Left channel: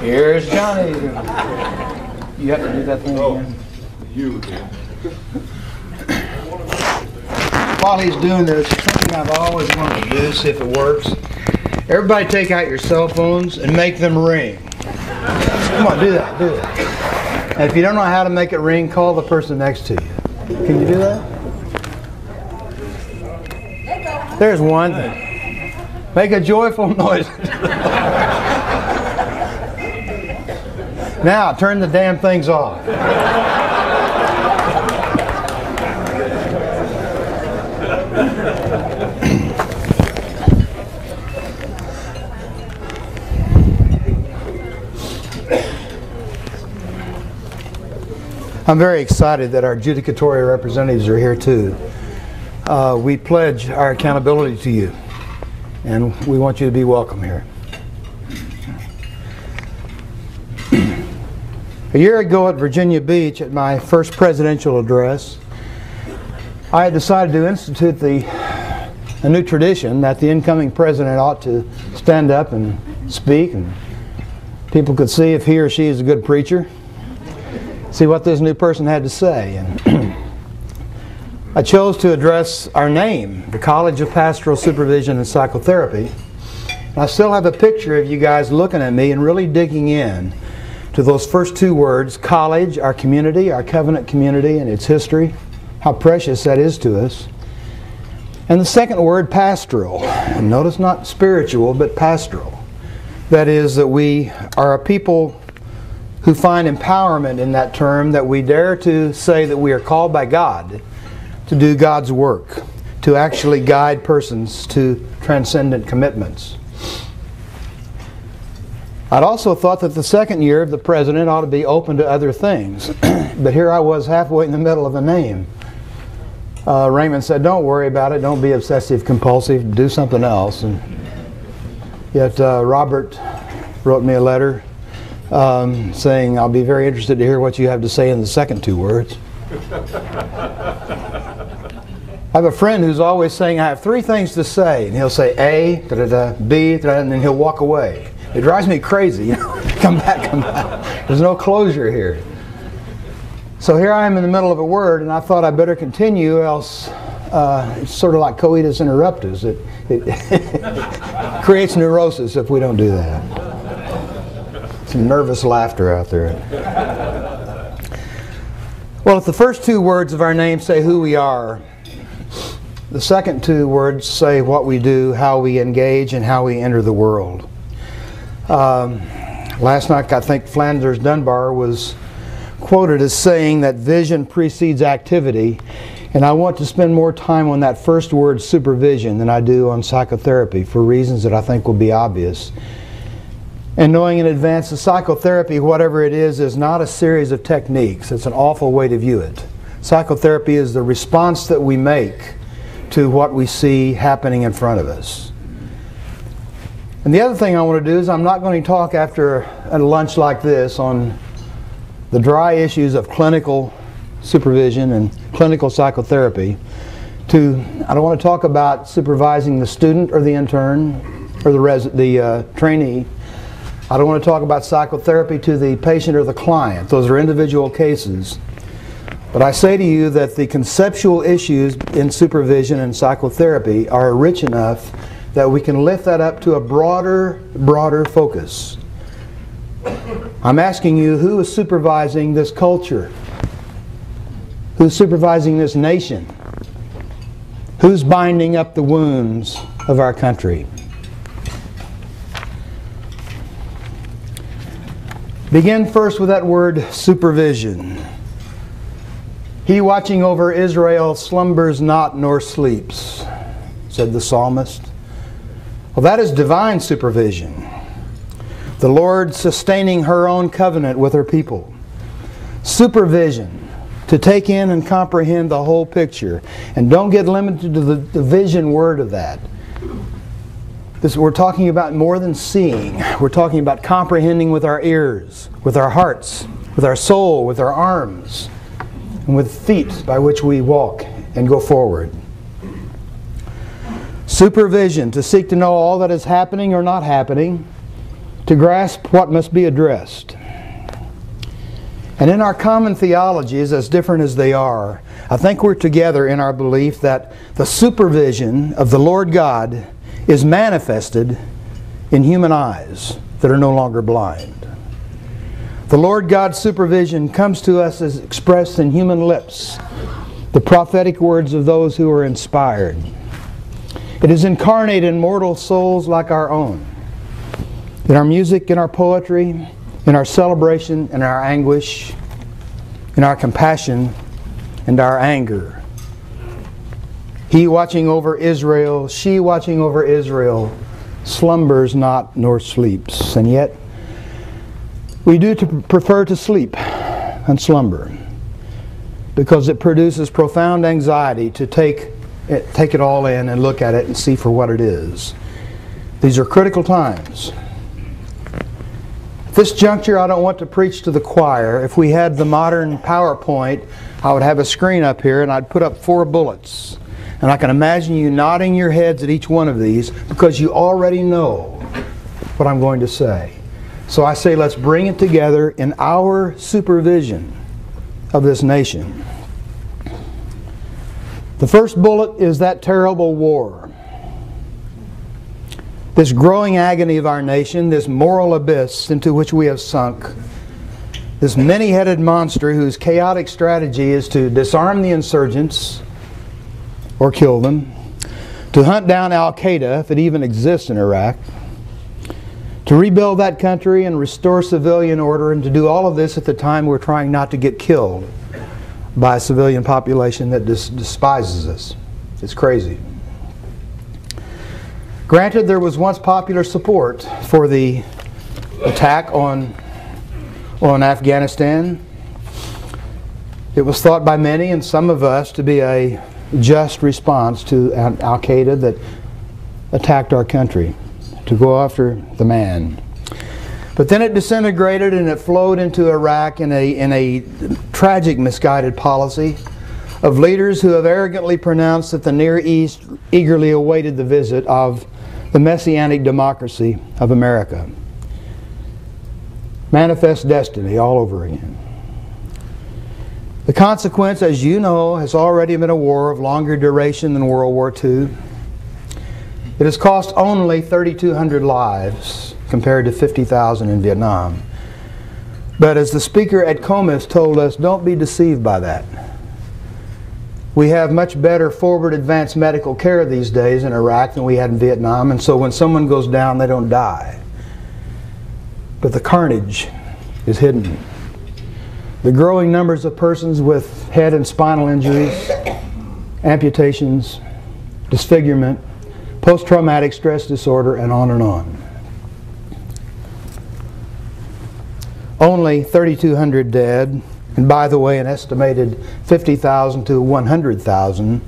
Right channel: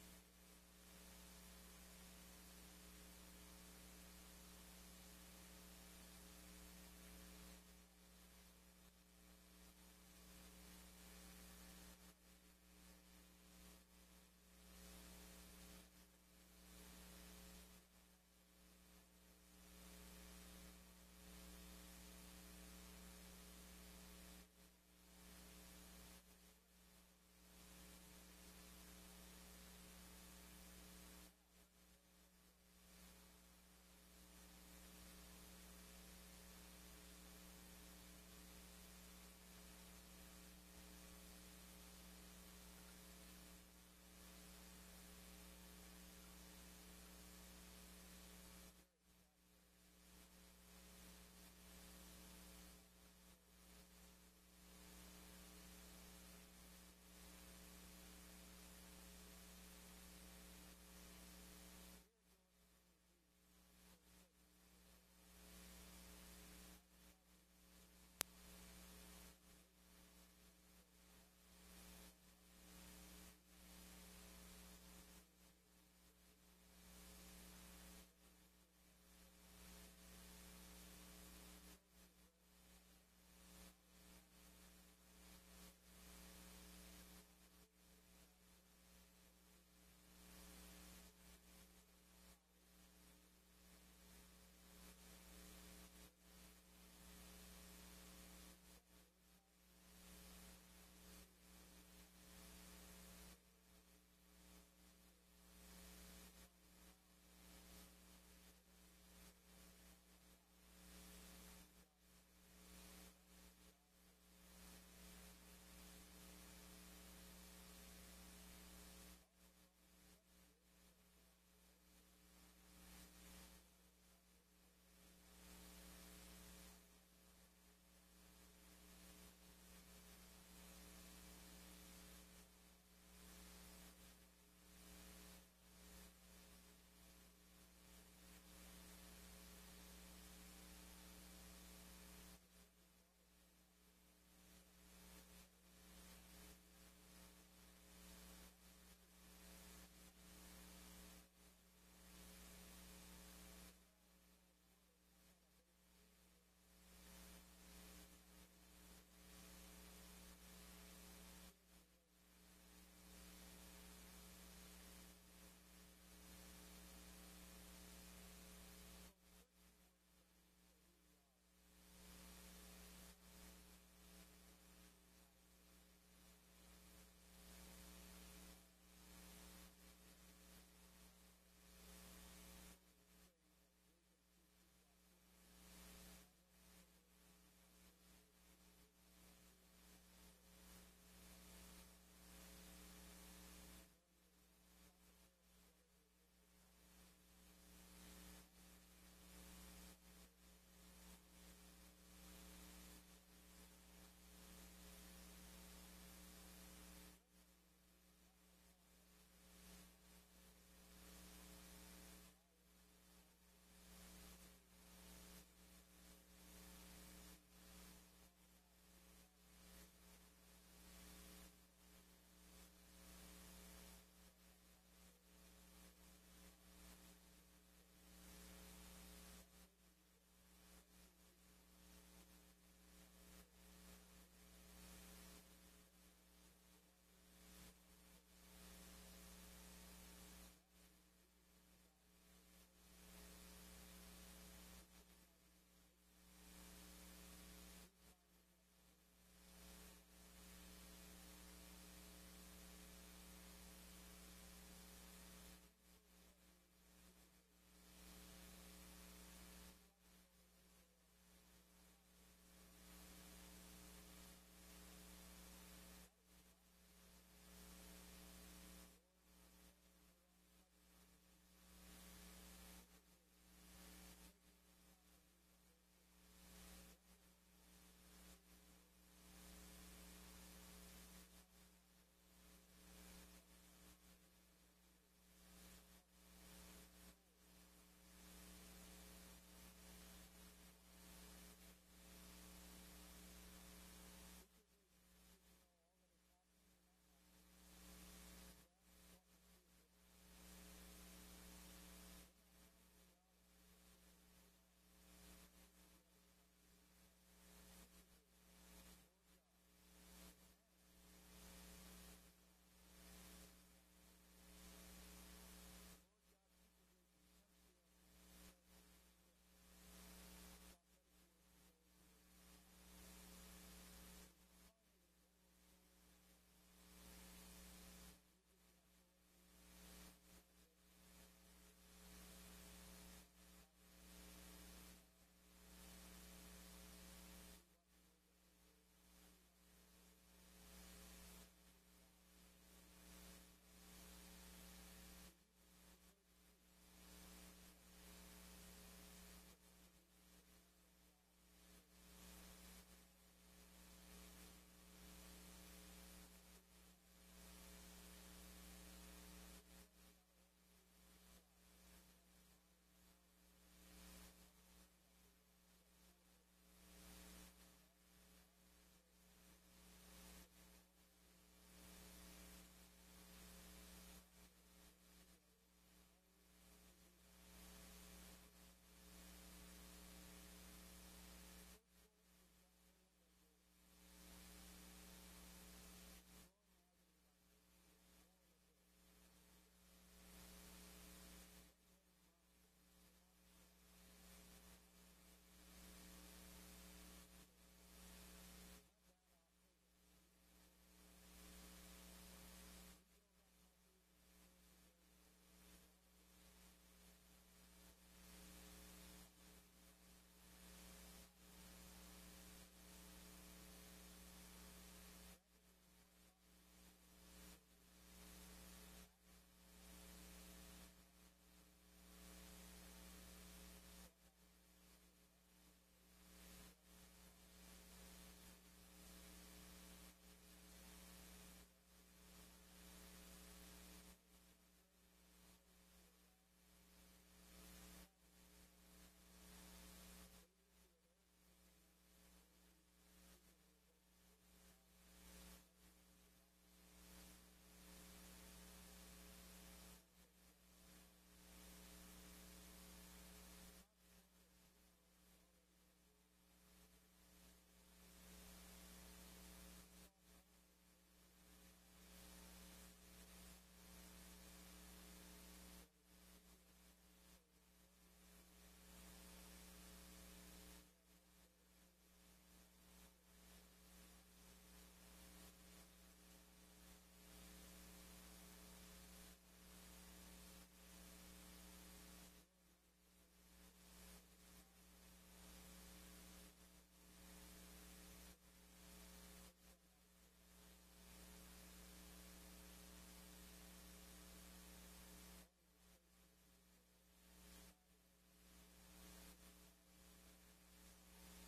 Here's Johnny. You have to do that thing again. You again. While he's doing this, something I've always wanted to do, see if it works. Everybody take out your cell phones and make them ring. Come on, do that, do that. And if you don't know how to make it ring, call the person next to you. Can you do that? There's one. Make a joyful noise. Now, turn the damn things off. I'm very excited that our adjudicatory representatives are here too. We pledge our accountability to you, and we want you to be welcome here. A year ago at Virginia Beach, at my first presidential address, I had decided to institute a new tradition that the incoming president ought to stand up and speak, and people could see if he or she is a good preacher, see what this new person had to say. And I chose to address our name, the College of Pastoral Supervision and Psychotherapy. And I still have a picture of you guys looking at me and really digging in to those first two words, college, our community, our covenant community and its history, how precious that is to us. And the second word, pastoral. And notice not spiritual, but pastoral. That is that we are a people who find empowerment in that term, that we dare to say that we are called by God to do God's work, to actually guide persons to transcendent commitments. I'd also thought that the second year of the president ought to be open to other things. But here I was halfway in the middle of the name. Raymond said, don't worry about it, don't be obsessive compulsive, do something else. And yet Robert wrote me a letter saying, I'll be very interested to hear what you have to say in the second two words. I have a friend who's always saying, I have three things to say. And he'll say A, da-da-da, B, da-da, and then he'll walk away. It drives me crazy. You know? Come back, come back. There's no closure here. So here I am in the middle of a word, and I thought I better continue, else it's sort of like coitus interruptus. It creates neurosis if we don't do that. Some nervous laughter out there. Well, if the first two words of our name say who we are, the second two words say what we do, how we engage, and how we enter the world. Last night, I think Flanders Dunbar was quoted as saying that vision precedes activity, and I want to spend more time on that first word, supervision, than I do on psychotherapy for reasons that I think will be obvious. And knowing in advance that psychotherapy, whatever it is not a series of techniques. It's an awful way to view it. Psychotherapy is the response that we make to what we see happening in front of us. And the other thing I want to do is I'm not going to talk after a lunch like this on the dry issues of clinical supervision and clinical psychotherapy. I don't want to talk about supervising the student or the intern or the trainee. I don't want to talk about psychotherapy to the patient or the client. Those are individual cases. But I say to you that the conceptual issues in supervision and psychotherapy are rich enough that we can lift that up to a broader focus. I'm asking you, who is supervising this culture? Who's supervising this nation? Who's binding up the wounds of our country? Begin first with that word, supervision. He watching over Israel slumbers not nor sleeps, said the psalmist. Well, that is divine supervision. The Lord sustaining her own covenant with her people. Supervision, to take in and comprehend the whole picture. And don't get limited to the vision word of that. We're talking about more than seeing. We're talking about comprehending with our ears, with our hearts, with our soul, with our arms, and with feet by which we walk and go forward. Supervision, to seek to know all that is happening or not happening, to grasp what must be addressed. And in our common theologies, as different as they are, I think we're together in our belief that the supervision of the Lord God is manifested in human eyes that are no longer blind. The Lord God's supervision comes to us as expressed in human lips, the prophetic words of those who are inspired. It is incarnate in mortal souls like our own. In our music, in our poetry, in our celebration, in our anguish, in our compassion, and our anger. He watching over Israel, she watching over Israel, slumbers not nor sleeps. And yet, we do prefer to sleep and slumber because it produces profound anxiety to take it all in and look at it and see for what it is. These are critical times. At this juncture, I don't want to preach to the choir. If we had the modern PowerPoint, I would have a screen up here and I'd put up 4 bullets. And I can imagine you nodding your heads at each one of these because you already know what I'm going to say. So I say let's bring it together in our supervision of this nation. The first bullet is that terrible war. This growing agony of our nation, this moral abyss into which we have sunk, this many-headed monster whose chaotic strategy is to disarm the insurgents or kill them, to hunt down Al-Qaeda, if it even exists in Iraq, to rebuild that country and restore civilian order, and to do all of this at the time we're trying not to get killed by a civilian population that despises us. It's crazy. Granted, there was once popular support for the attack on Afghanistan. It was thought by many, and some of us, to be a just response to Al-Qaeda that attacked our country, to go after the man. But then it disintegrated and it flowed into Iraq in a tragic, misguided policy of leaders who have arrogantly pronounced that the Near East eagerly awaited the visit of the messianic democracy of America. Manifest destiny all over again. The consequence, as you know, has already been a war of longer duration than World War II. It has cost only 3,200 lives compared to 50,000 in Vietnam. But as the speaker at Comis told us, don't be deceived by that. We have much better forward advanced medical care these days in Iraq than we had in Vietnam, and so when someone goes down, they don't die. But the carnage is hidden. The growing numbers of persons with head and spinal injuries, amputations, disfigurement, post-traumatic stress disorder, and on and on. Only 3,200 dead, and by the way, an estimated 50,000 to 100,000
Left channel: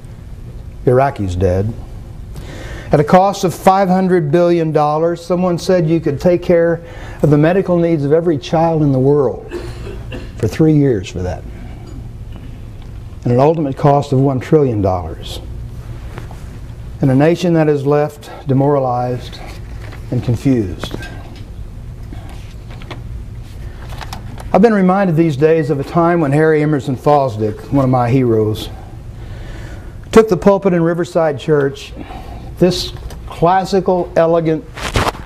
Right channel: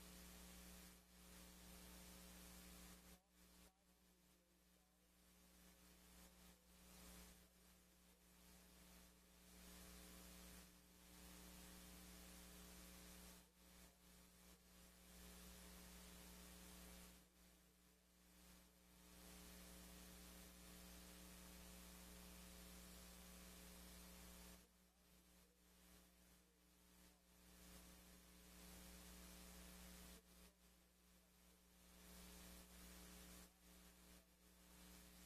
Iraqis dead. At a cost of $500 billion, someone said you could take care of the medical needs of every child in the world for 3 years for that. And an ultimate cost of $1 trillion. And a nation that is left demoralized and confused. I've been reminded these days of a time when Harry Emerson Fosdick, one of my heroes, took the pulpit in Riverside Church. This classical, elegant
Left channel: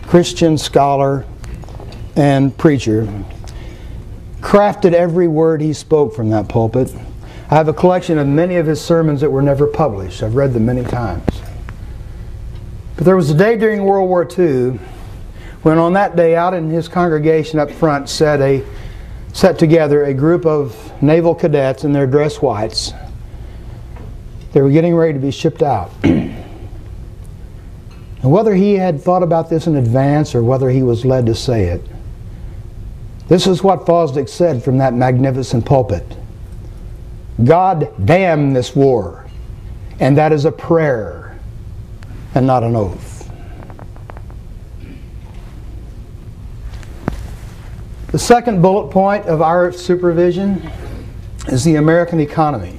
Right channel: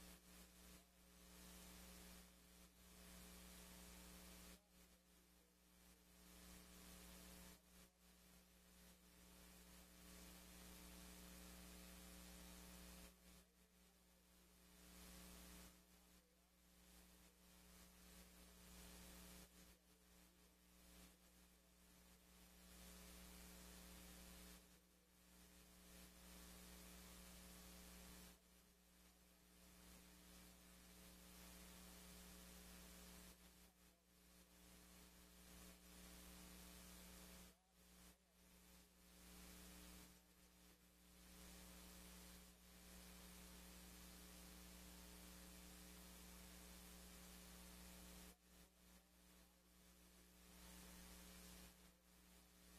Christian scholar and preacher crafted every word he spoke from that pulpit. I have a collection of many of his sermons that were never published. I've read them many times. But there was a day during World War II when on that day out in his congregation up front set together a group of naval cadets in their dress whites. They were getting ready to be shipped out. And whether he had thought about this in advance or whether he was led to say it, this is what Fosdick said from that magnificent pulpit. God damn this war. And that is a prayer and not an oath. The second bullet point of our supervision is the American economy.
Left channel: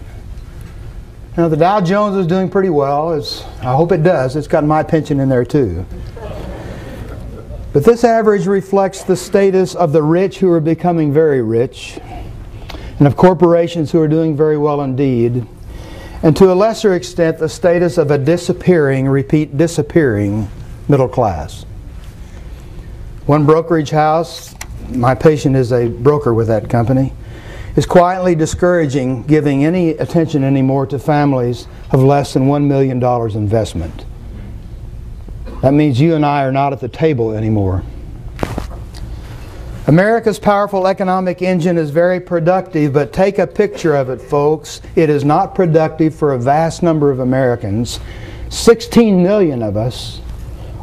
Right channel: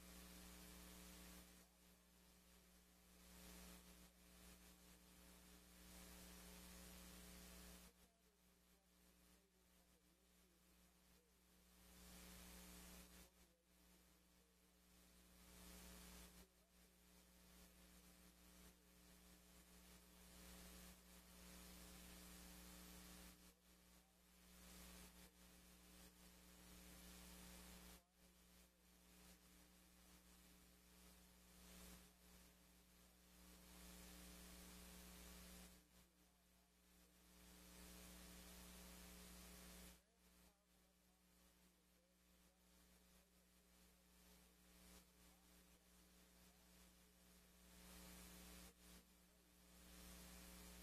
Now the Dow Jones is doing pretty well. I hope it does. It's got my pension in there too. But this average reflects the status of the rich who are becoming very rich, and of corporations who are doing very well indeed, and to a lesser extent the status of a disappearing, repeat, disappearing middle class. One brokerage house, my patient is a broker with that company, is quietly discouraging giving any attention anymore to families of less than $1 million investment. That means you and I are not at the table anymore. America's powerful economic engine is very productive, but take a picture of it, folks. It is not productive for a vast number of Americans. 16 million of us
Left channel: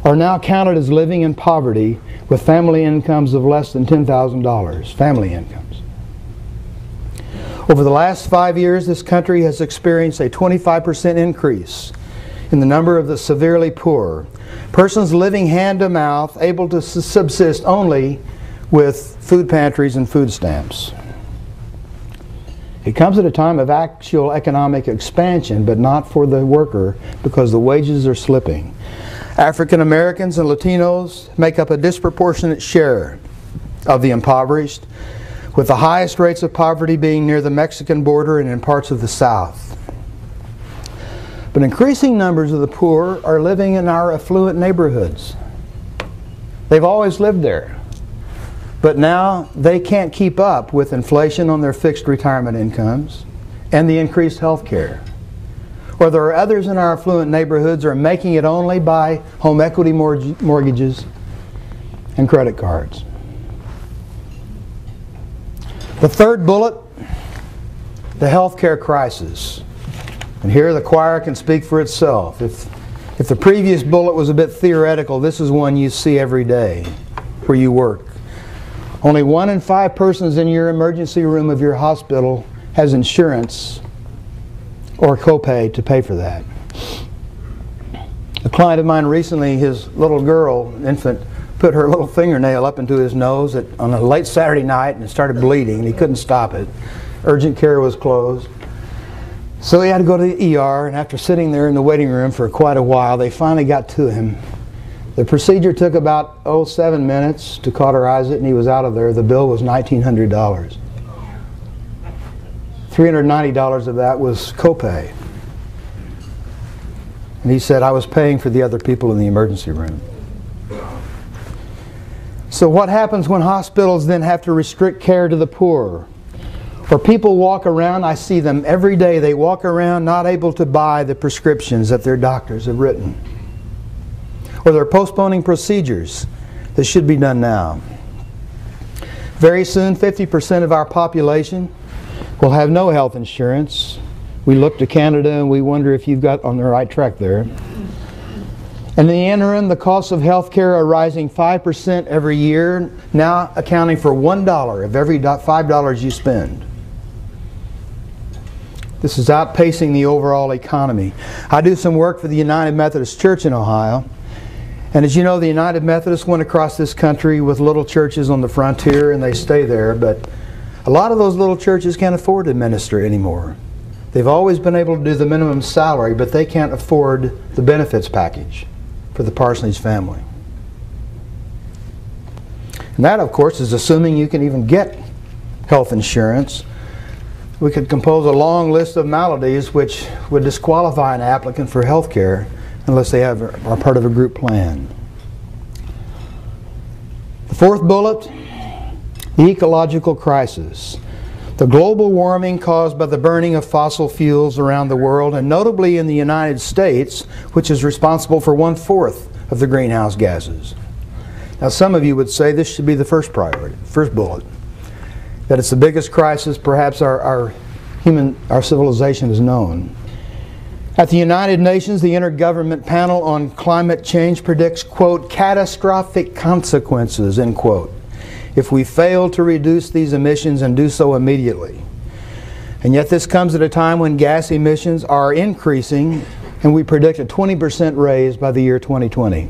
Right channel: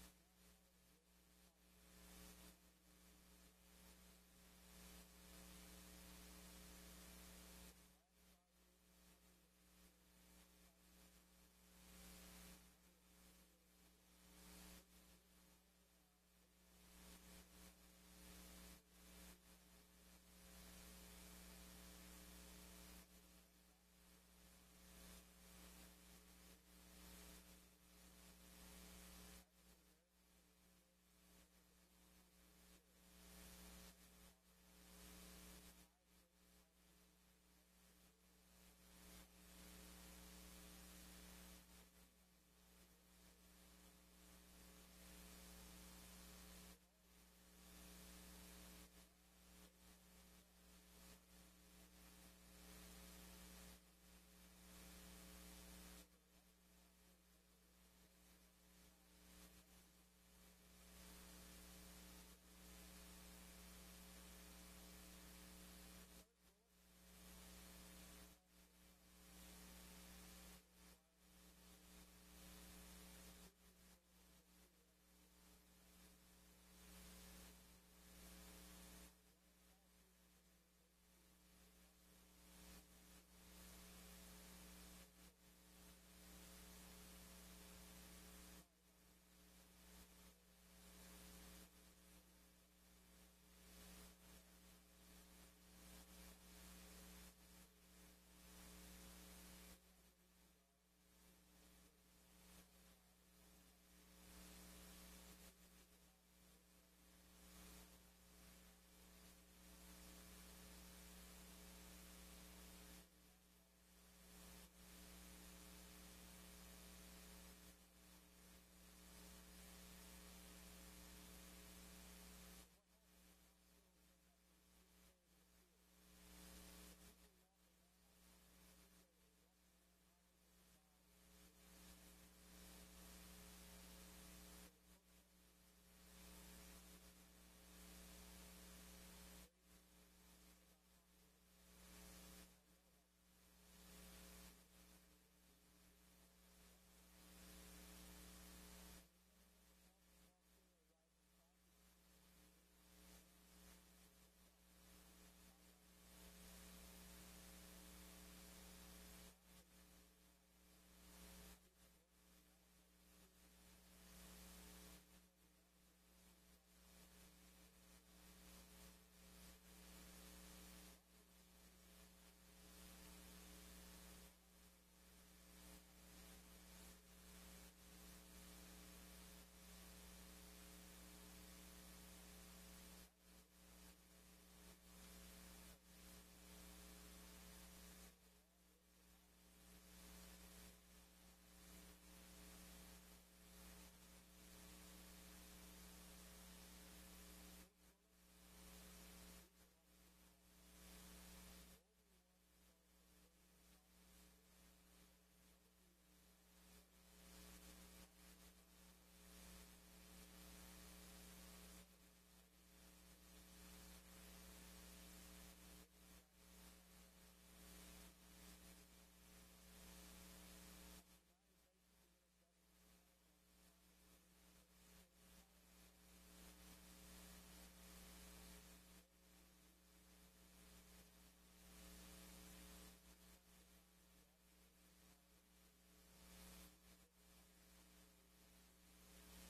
are now counted as living in poverty with family incomes of less than $10,000, family incomes. Over the last 5 years, this country has experienced a 25% increase in the number of the severely poor, persons living hand to mouth, able to subsist only with food pantries and food stamps. It comes at a time of actual economic expansion, but not for the worker because the wages are slipping. African Americans and Latinos make up a disproportionate share of the impoverished, with the highest rates of poverty being near the Mexican border and in parts of the South. But increasing numbers of the poor are living in our affluent neighborhoods. They've always lived there. But now they can't keep up with inflation on their fixed retirement incomes and the increased health care. Or there are others in our affluent neighborhoods who are making it only by home equity mortgages and credit cards. The third bullet, the health care crisis. And here the choir can speak for itself. If the previous bullet was a bit theoretical, this is one you see every day where you work. Only 1 in 5 persons in your emergency room of your hospital has insurance or copay to pay for that. A client of mine recently, his little girl, infant, put her little fingernail up into his nose on a late Saturday night and it started bleeding and he couldn't stop it. Urgent care was closed. So he had to go to the ER, and after sitting there in the waiting room for quite a while, they finally got to him. The procedure took about 7 minutes to cauterize it, and he was out of there. The bill was $1,900. $390 of that was copay. And he said, I was paying for the other people in the emergency room. So what happens when hospitals then have to restrict care to the poor? Or people walk around, I see them every day, they walk around not able to buy the prescriptions that their doctors have written. Or they're postponing procedures that should be done now. Very soon, 50% of our population will have no health insurance. We look to Canada and we wonder if you've got on the right track there. And in the interim, the costs of health care are rising 5% every year, now accounting for $1 of every $5 you spend. This is outpacing the overall economy. I do some work for the United Methodist Church in Ohio. And as you know, the United Methodists went across this country with little churches on the frontier and they stay there. But a lot of those little churches can't afford to minister anymore. They've always been able to do the minimum salary, but they can't afford the benefits package for the parsonage family. And that, of course, is assuming you can even get health insurance. We could compose a long list of maladies which would disqualify an applicant for health care unless they are part of a group plan. The fourth bullet, the ecological crisis. The global warming caused by the burning of fossil fuels around the world, and notably in the United States, which is responsible for 1/4 of the greenhouse gases. Now some of you would say this should be the first priority, first bullet. That it's the biggest crisis perhaps our civilization has known. At the United Nations, the Intergovernment Panel on Climate Change predicts, quote, catastrophic consequences, end quote, if we fail to reduce these emissions and do so immediately. And yet this comes at a time when gas emissions are increasing, and we predict a 20% raise by the year 2020.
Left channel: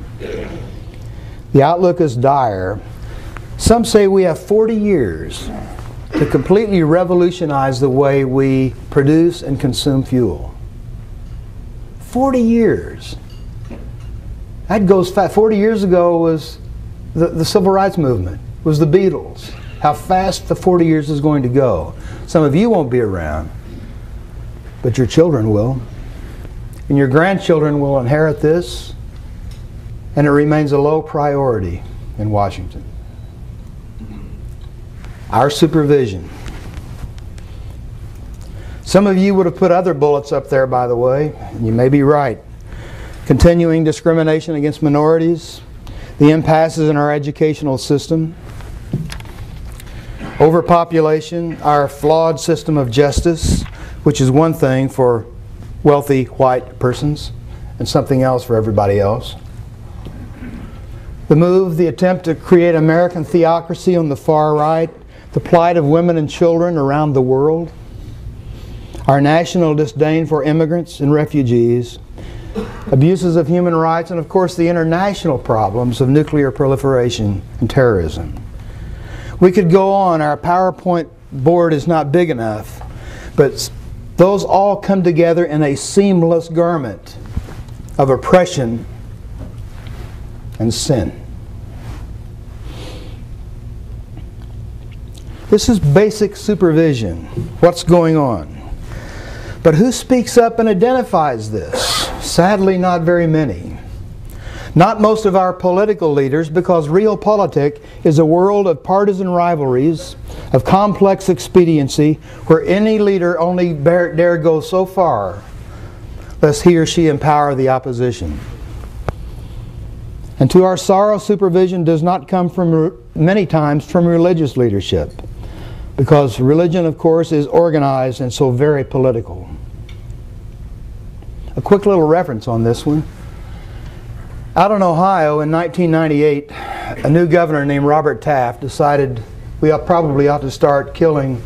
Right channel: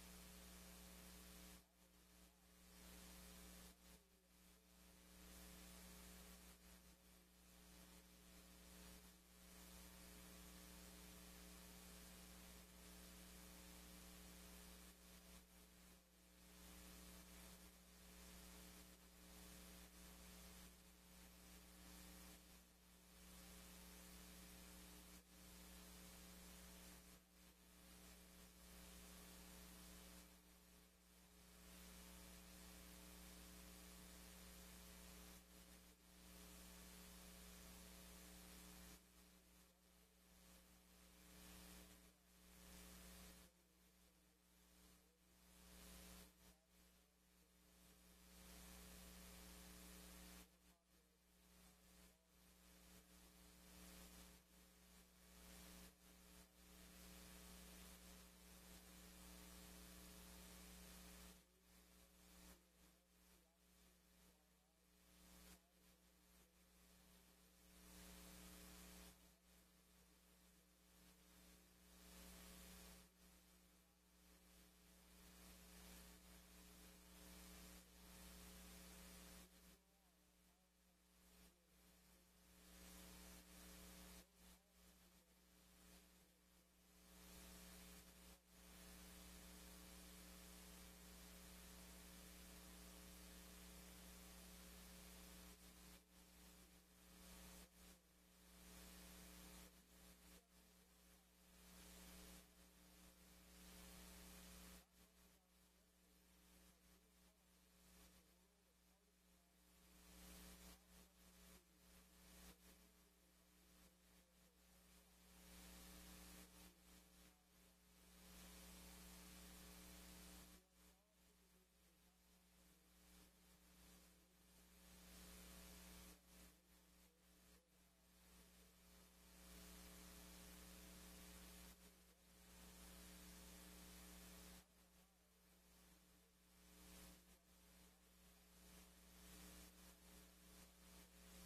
The outlook is dire. Some say we have 40 years to completely revolutionize the way we produce and consume fuel. 40 years. That goes fast. 40 years ago was the civil rights movement. It was the Beatles. How fast the 40 years is going to go. Some of you won't be around, but your children will. And your grandchildren will inherit this, and it remains a low priority in Washington. Our supervision. Some of you would have put other bullets up there, by the way, and you may be right. Continuing discrimination against minorities, the impasses in our educational system, overpopulation, our flawed system of justice, which is one thing for wealthy white persons and something else for everybody else. The attempt to create American theocracy on the far right, the plight of women and children around the world, our national disdain for immigrants and refugees, abuses of human rights, and of course the international problems of nuclear proliferation and terrorism. We could go on. Our PowerPoint board is not big enough, but those all come together in a seamless garment of oppression and sin. This is basic supervision. What's going on? But who speaks up and identifies this? Sadly, not very many. Not most of our political leaders, because realpolitik is a world of partisan rivalries, of complex expediency, where any leader only dare go so far, lest he or she empower the opposition. And to our sorrow, supervision does not come from, many times, from religious leadership, because religion, of course, is organized and so very political. A quick little reference on this one. Out in Ohio in 1998, a new governor named Robert Taft decided we probably ought to start killing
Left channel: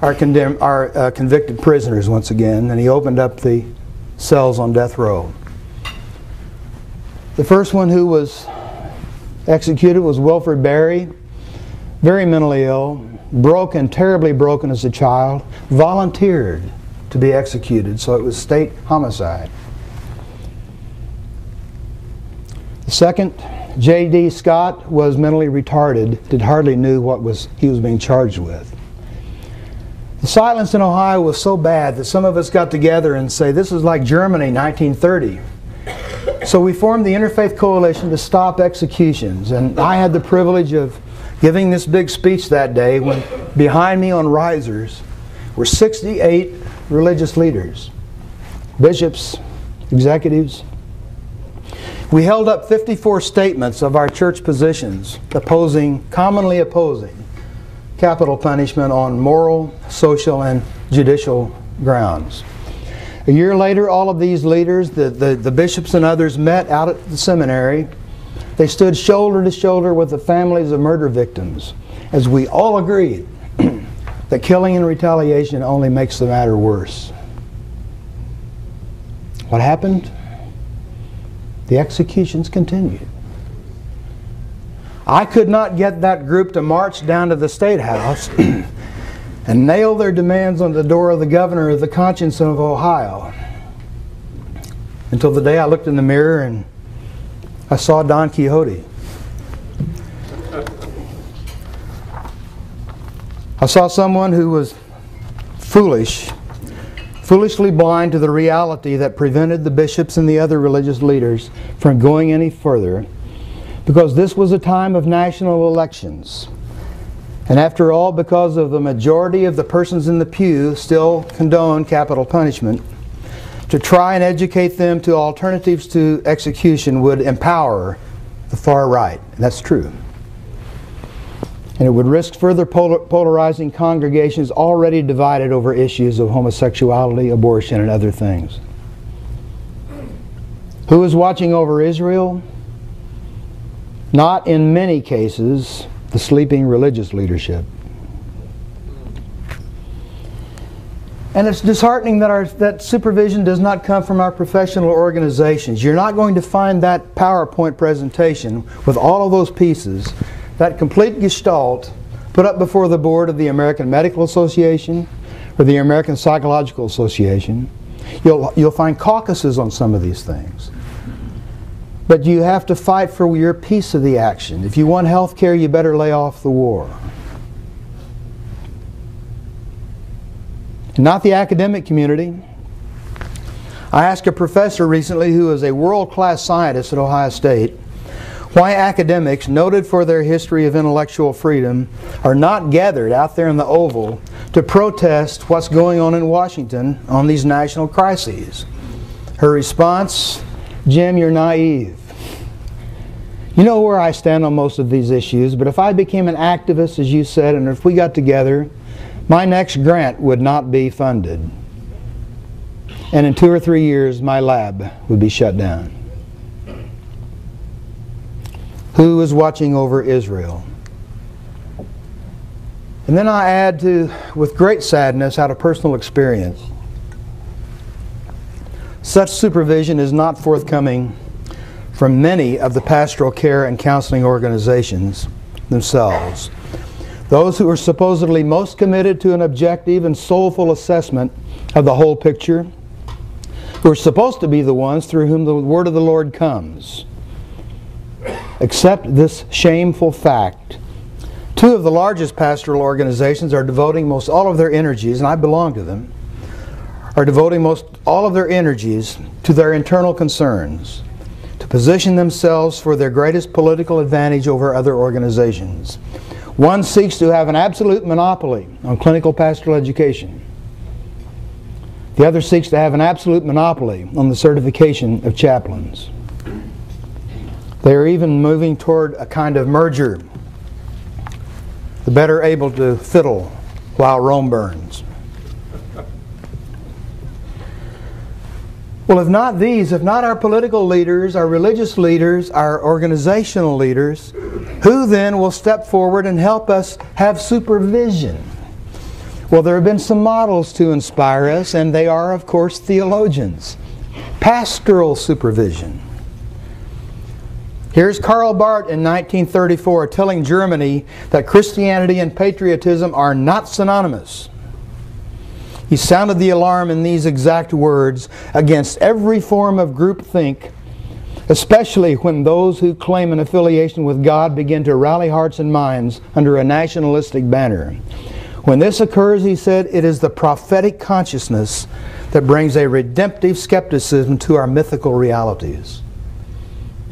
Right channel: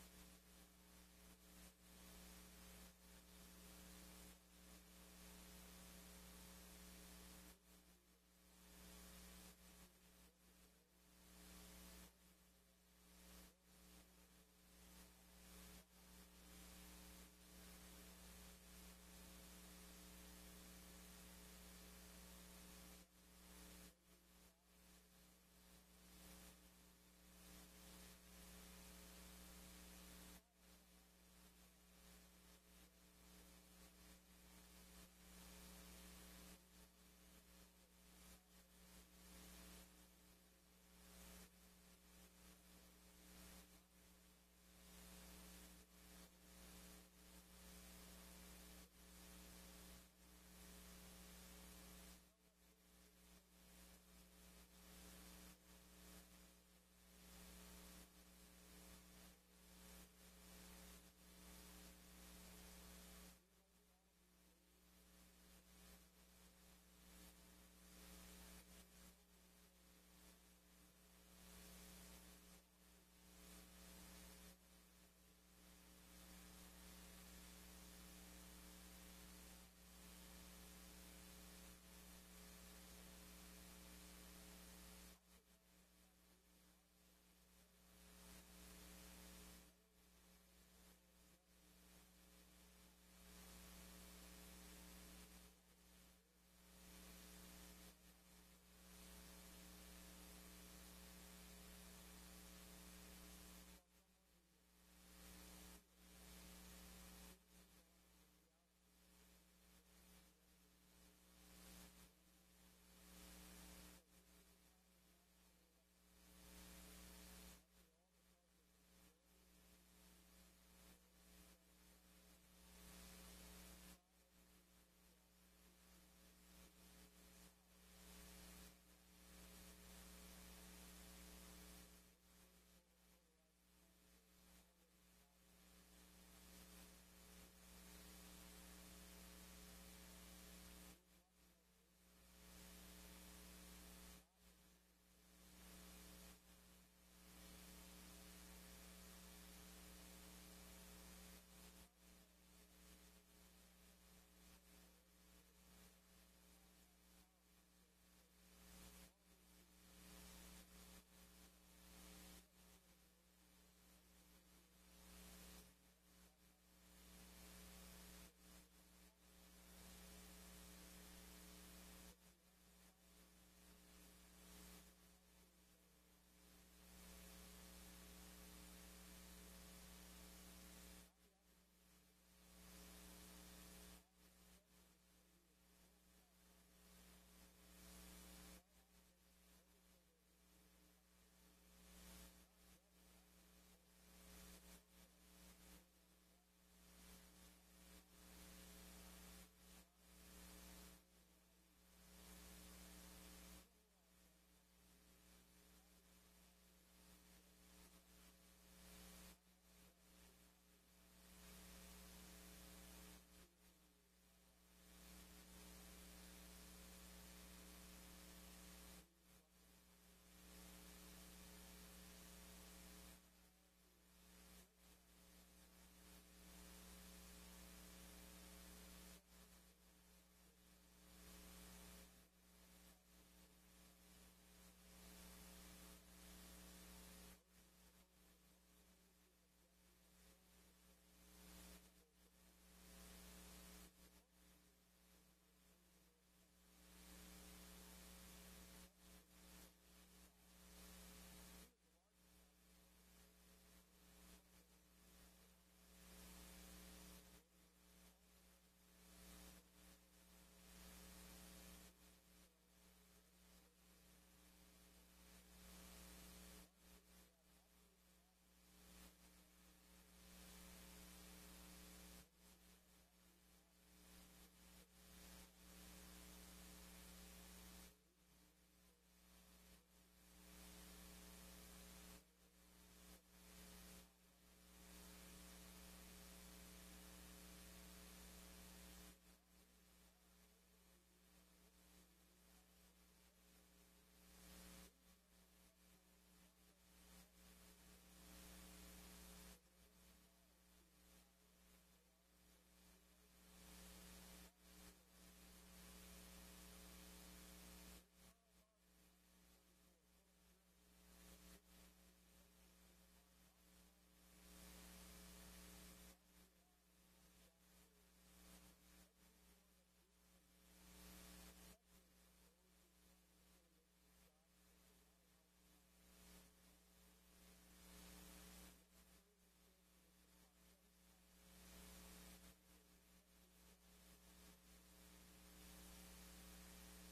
our convicted prisoners once again, and he opened up the cells on death row. The first one who was executed was Wilford Berry, very mentally ill, broken, terribly broken as a child, volunteered to be executed, so it was state homicide. The second, J.D. Scott, was mentally retarded, hardly knew what he was being charged with. The silence in Ohio was so bad that some of us got together and say, this is like Germany, 1930. So we formed the Interfaith Coalition to stop executions, and I had the privilege of giving this big speech that day when behind me on risers were 68 religious leaders, bishops, executives. We held up 54 statements of our church positions commonly opposing capital punishment on moral, social, and judicial grounds. A year later, all of these leaders, the bishops and others, met out at the seminary. They stood shoulder to shoulder with the families of murder victims, as we all agreed that killing and retaliation only makes the matter worse. What happened? The executions continued. I could not get that group to march down to the State House and nail their demands on the door of the governor of the conscience of Ohio until the day I looked in the mirror and I saw Don Quixote. I saw someone who was foolishly blind to the reality that prevented the bishops and the other religious leaders from going any further, because this was a time of national elections. And after all, because of the majority of the persons in the pew still condone capital punishment, to try and educate them to alternatives to execution would empower the far right. And that's true. And it would risk further polarizing congregations already divided over issues of homosexuality, abortion, and other things. Who is watching over Israel? Not in many cases the sleeping religious leadership. And it's disheartening that supervision does not come from our professional organizations. You're not going to find that PowerPoint presentation with all of those pieces, that complete gestalt, put up before the board of the American Medical Association or the American Psychological Association. You'll find caucuses on some of these things. But you have to fight for your piece of the action. If you want health care, you better lay off the war. Not the academic community. I asked a professor recently who is a world-class scientist at Ohio State why academics, noted for their history of intellectual freedom, are not gathered out there in the Oval to protest what's going on in Washington on these national crises. Her response, "Jim, you're naive. You know where I stand on most of these issues, but if I became an activist, as you said, and if we got together, my next grant would not be funded. And in 2 or 3 years, my lab would be shut down." Who is watching over Israel? And then I add to, with great sadness, out of personal experience, such supervision is not forthcoming from many of the pastoral care and counseling organizations themselves. Those who are supposedly most committed to an objective and soulful assessment of the whole picture, who are supposed to be the ones through whom the word of the Lord comes, accept this shameful fact. 2 of the largest pastoral organizations are devoting most all of their energies, and I belong to them, are devoting most all of their energies to their internal concerns, to position themselves for their greatest political advantage over other organizations. One seeks to have an absolute monopoly on clinical pastoral education. The other seeks to have an absolute monopoly on the certification of chaplains. They are even moving toward a kind of merger, the better able to fiddle while Rome burns. Well, if not these, if not our political leaders, our religious leaders, our organizational leaders, who then will step forward and help us have supervision? Well, there have been some models to inspire us, and they are, of course, theologians. Pastoral supervision. Here's Karl Barth in 1934 telling Germany that Christianity and patriotism are not synonymous. He sounded the alarm in these exact words against every form of groupthink, especially when those who claim an affiliation with God begin to rally hearts and minds under a nationalistic banner. When this occurs, he said, it is the prophetic consciousness that brings a redemptive skepticism to our mythical realities.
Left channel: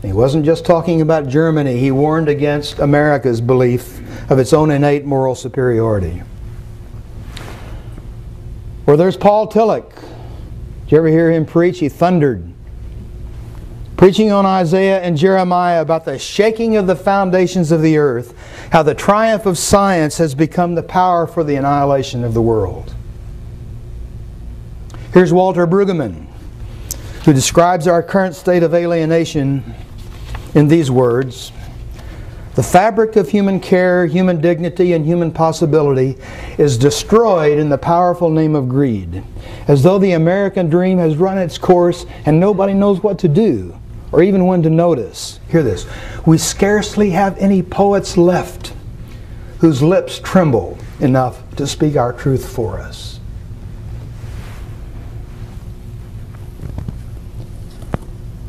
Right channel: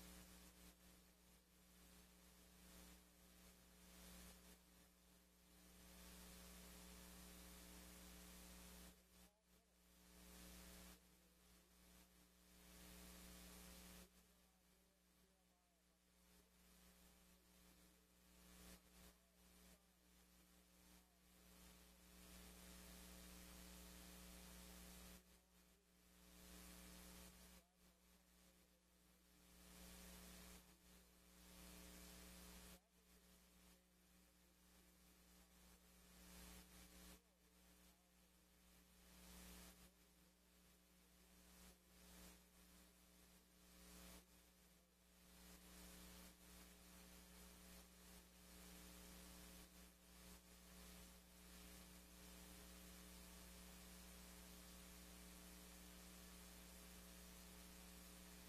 He wasn't just talking about Germany. He warned against America's belief of its own innate moral superiority. Or there's Paul Tillich. Did you ever hear him preach? He thundered, preaching on Isaiah and Jeremiah about the shaking of the foundations of the earth, how the triumph of science has become the power for the annihilation of the world. Here's Walter Brueggemann, who describes our current state of alienation in these words: the fabric of human care, human dignity, and human possibility is destroyed in the powerful name of greed, as though the American dream has run its course and nobody knows what to do, or even when to notice. Hear this. We scarcely have any poets left whose lips tremble enough to speak our truth for us.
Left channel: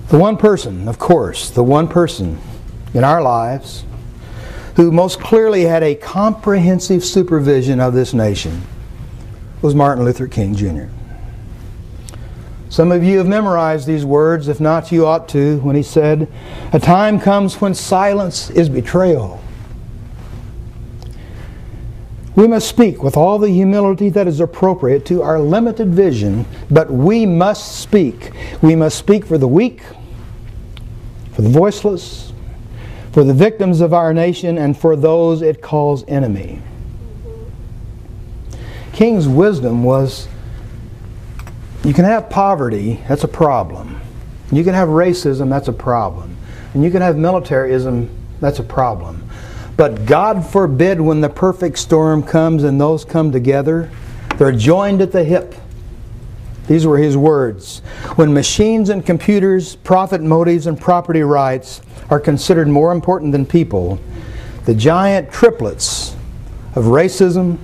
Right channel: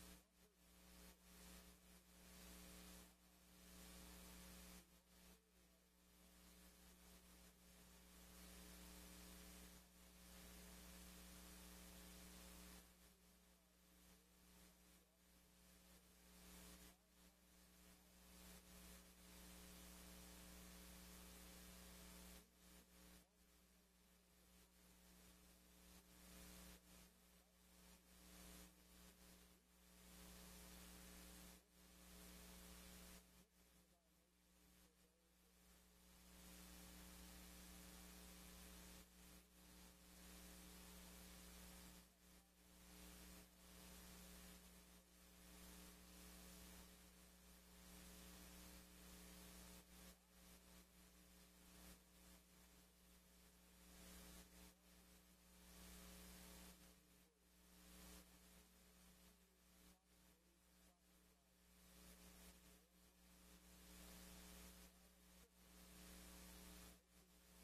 The one person, of course, the one person in our lives who most clearly had a comprehensive supervision of this nation was Martin Luther King Jr. Some of you have memorized these words. If not, you ought to, when he said, "A time comes when silence is betrayal." We must speak with all the humility that is appropriate to our limited vision, but we must speak. We must speak for the weak, for the voiceless, for the victims of our nation, and for those it calls enemy. King's wisdom was, you can have poverty, that's a problem. You can have racism, that's a problem. And you can have militarism, that's a problem. But God forbid when the perfect storm comes and those come together, they're joined at the hip. These were his words. When machines and computers, profit motives, and property rights are considered more important than people, the giant triplets of racism,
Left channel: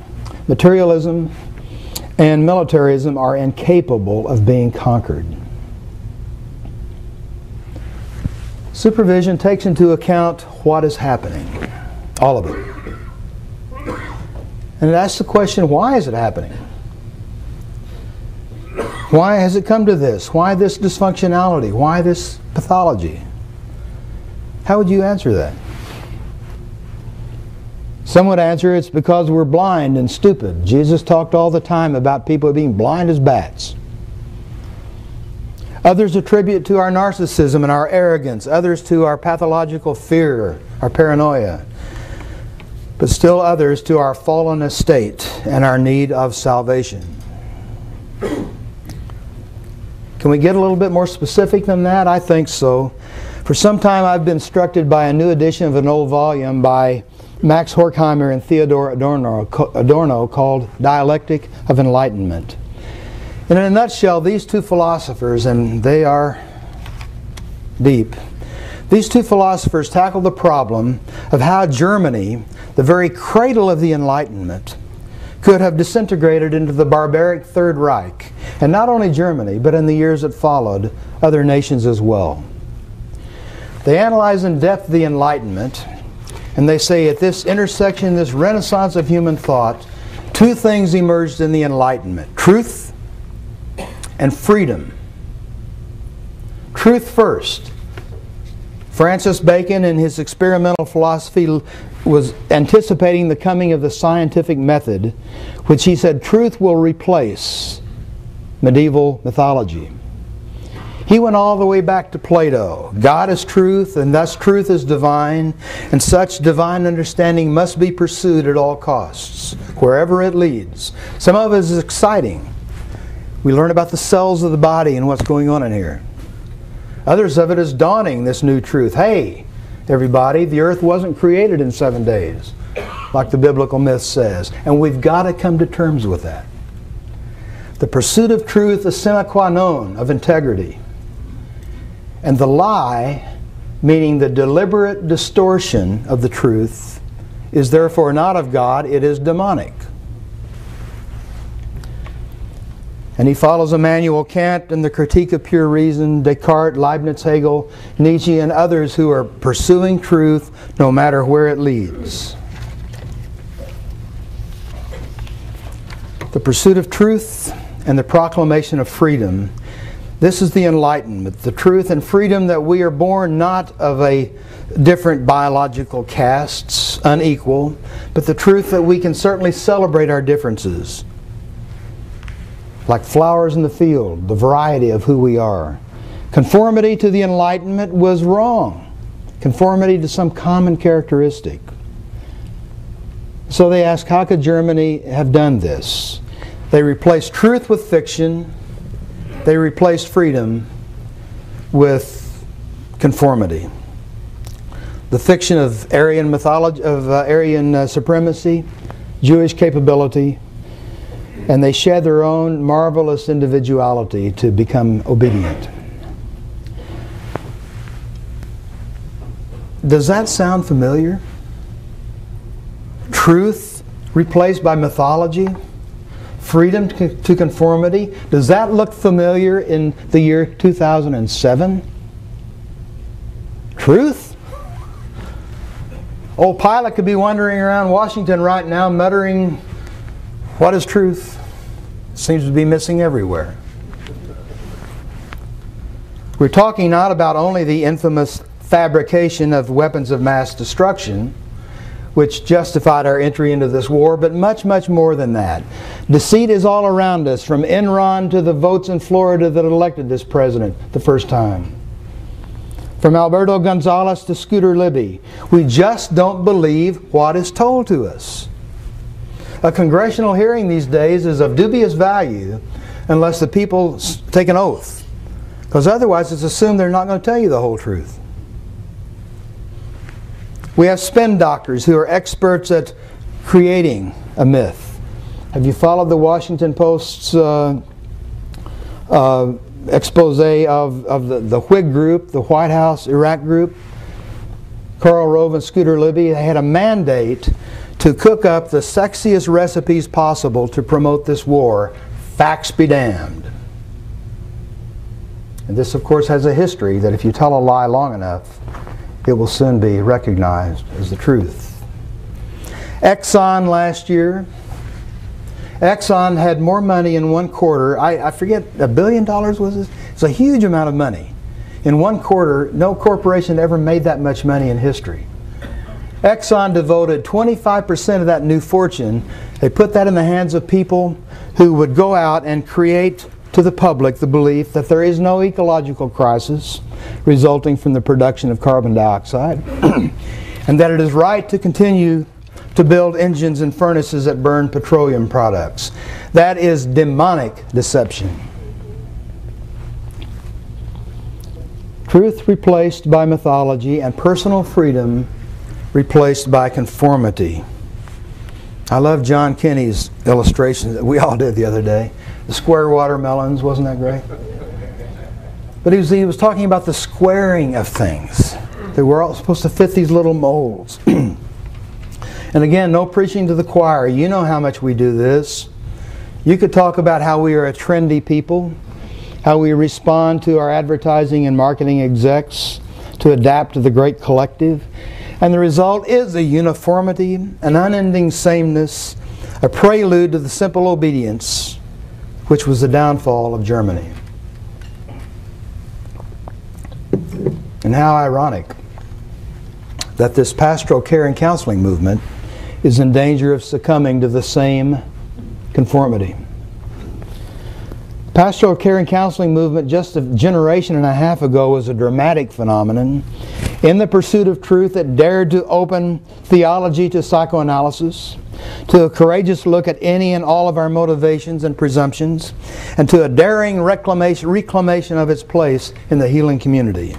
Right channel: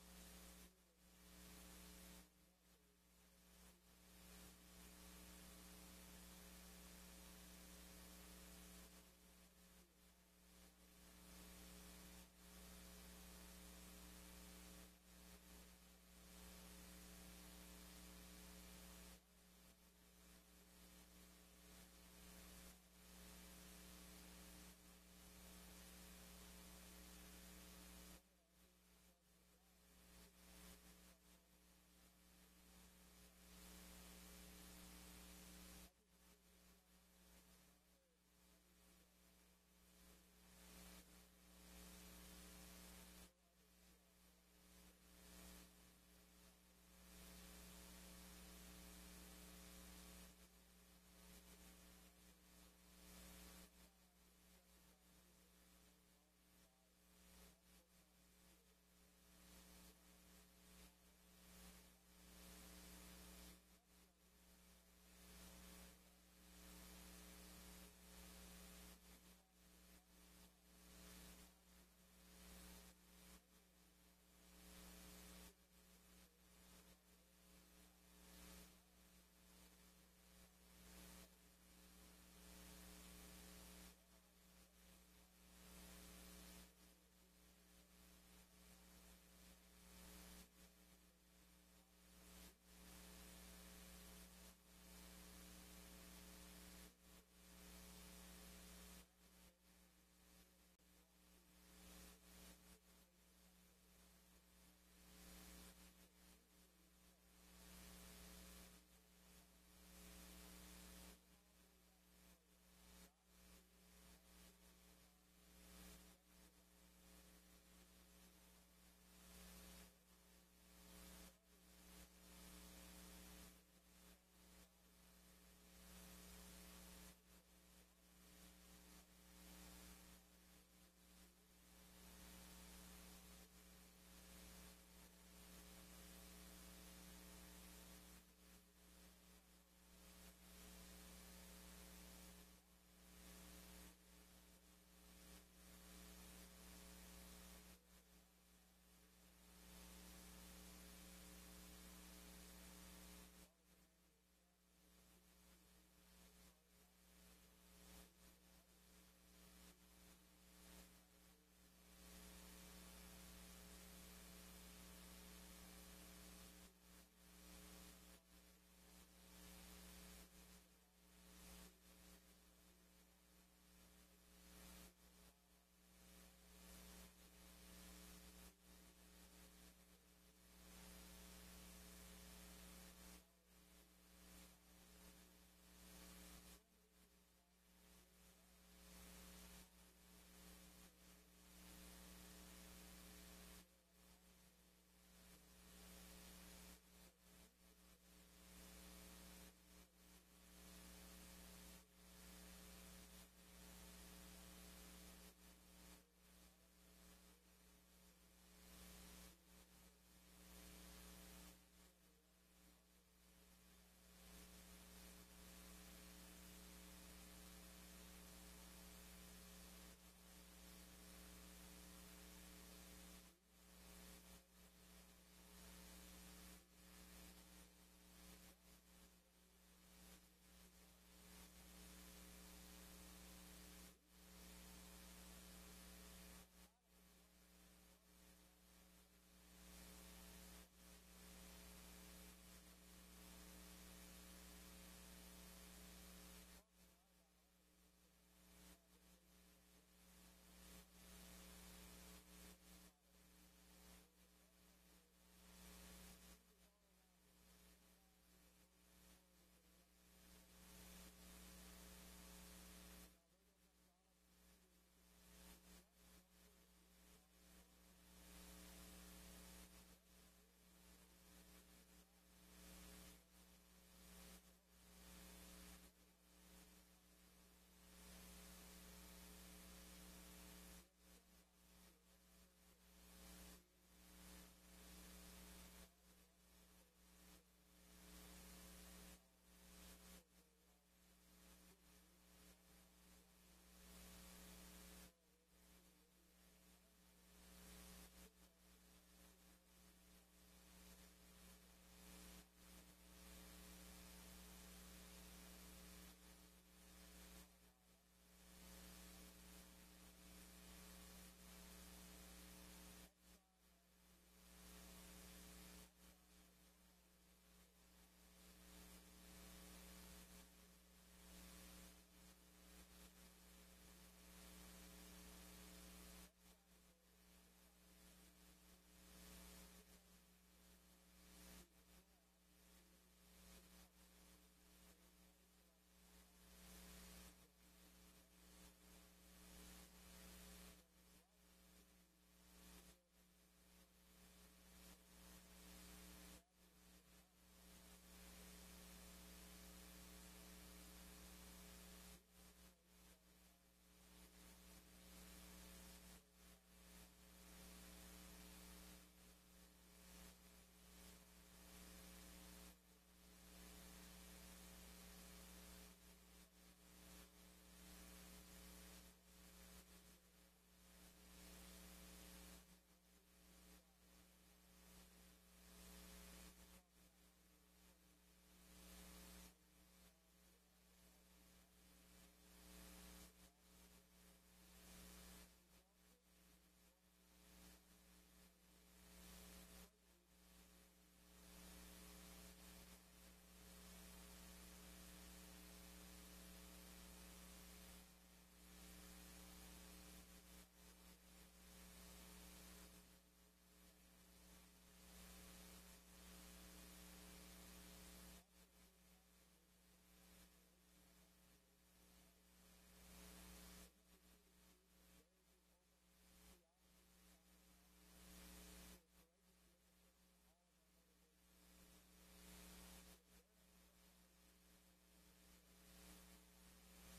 materialism, and militarism are incapable of being conquered. Supervision takes into account what is happening, all of it. And it asks the question, why is it happening? Why has it come to this? Why this dysfunctionality? Why this pathology? How would you answer that? Some would answer it's because we're blind and stupid. Jesus talked all the time about people being blind as bats. Others attribute to our narcissism and our arrogance. Others to our pathological fear, our paranoia. But still others to our fallen estate and our need of salvation. Can we get a little bit more specific than that? I think so. For some time I've been instructed by a new edition of an old volume by Max Horkheimer and Theodore Adorno called Dialectic of Enlightenment. And in a nutshell, these two philosophers, and they are deep, these two philosophers tackle the problem of how Germany, the very cradle of the Enlightenment, could have disintegrated into the barbaric Third Reich. And not only Germany, but in the years that followed, other nations as well. They analyze in depth the Enlightenment, and they say at this intersection, this renaissance of human thought, two things emerged in the Enlightenment: truth and freedom. Truth first. Francis Bacon, in his experimental philosophy, was anticipating the coming of the scientific method, which he said truth will replace medieval mythology. He went all the way back to Plato. God is truth, and thus truth is divine, and such divine understanding must be pursued at all costs, wherever it leads. Some of it is exciting. We learn about the cells of the body and what's going on in here. Others of it is daunting, this new truth. Hey, everybody, the earth wasn't created in 7 days, like the biblical myth says, and we've got to come to terms with that. The pursuit of truth is sine qua non of integrity. And the lie, meaning the deliberate distortion of the truth, is therefore not of God, it is demonic. And he follows Immanuel Kant in the Critique of Pure Reason, Descartes, Leibniz, Hegel, Nietzsche, and others who are pursuing truth no matter where it leads. The pursuit of truth and the proclamation of freedom. This is the Enlightenment, the truth and freedom that we are born not of a different biological castes, unequal, but the truth that we can certainly celebrate our differences. Like flowers in the field, the variety of who we are. Conformity to the Enlightenment was wrong. Conformity to some common characteristic. So they ask, how could Germany have done this? They replaced truth with fiction. They replaced freedom with conformity. The fiction of Aryan mythology, of Aryan supremacy, Jewish capability, and they shed their own marvelous individuality to become obedient. Does that sound familiar? Truth replaced by mythology? Freedom to conformity? Does that look familiar in the year 2007? Truth? Old Pilate could be wandering around Washington right now muttering, what is truth? It seems to be missing everywhere. We're talking not about only the infamous fabrication of weapons of mass destruction, which justified our entry into this war, but much, much more than that. Deceit is all around us, from Enron to the votes in Florida that elected this president the first time. From Alberto Gonzalez to Scooter Libby. We just don't believe what is told to us. A congressional hearing these days is of dubious value unless the people take an oath, because otherwise it's assumed they're not going to tell you the whole truth. We have spin doctors who are experts at creating a myth. Have you followed the Washington Post's expose of the Whig group, the White House Iraq group? Karl Rove and Scooter Libby, they had a mandate to cook up the sexiest recipes possible to promote this war. Facts be damned. And this, of course, has a history that if you tell a lie long enough, it will soon be recognized as the truth. Exxon last year. Exxon had more money in one quarter. I forget, $1 billion was it? It's a huge amount of money. In one quarter, no corporation ever made that much money in history. Exxon devoted 25% of that new fortune. They put that in the hands of people who would go out and create to the public the belief that there is no ecological crisis resulting from the production of carbon dioxide and that it is right to continue to build engines and furnaces that burn petroleum products. That is demonic deception. Truth replaced by mythology and personal freedom replaced by conformity. I love John Kenny's illustration that we all did the other day. The square watermelons, wasn't that great? But he was talking about the squaring of things. That we're all supposed to fit these little molds. And again, no preaching to the choir. You know how much we do this. You could talk about how we are a trendy people, how we respond to our advertising and marketing execs to adapt to the great collective. And the result is a uniformity, an unending sameness, a prelude to the simple obedience, which was the downfall of Germany. And how ironic that this pastoral care and counseling movement is in danger of succumbing to the same conformity. Pastoral care and counseling movement just a generation and a half ago was a dramatic phenomenon. In the pursuit of truth, it dared to open theology to psychoanalysis, to a courageous look at any and all of our motivations and presumptions, and to a daring reclamation of its place in the healing community.